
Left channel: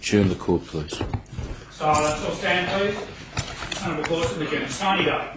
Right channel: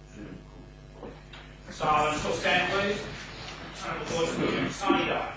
Adjourn the court, please. Silence, all stand please. Honourable court, adjourned. Signing day.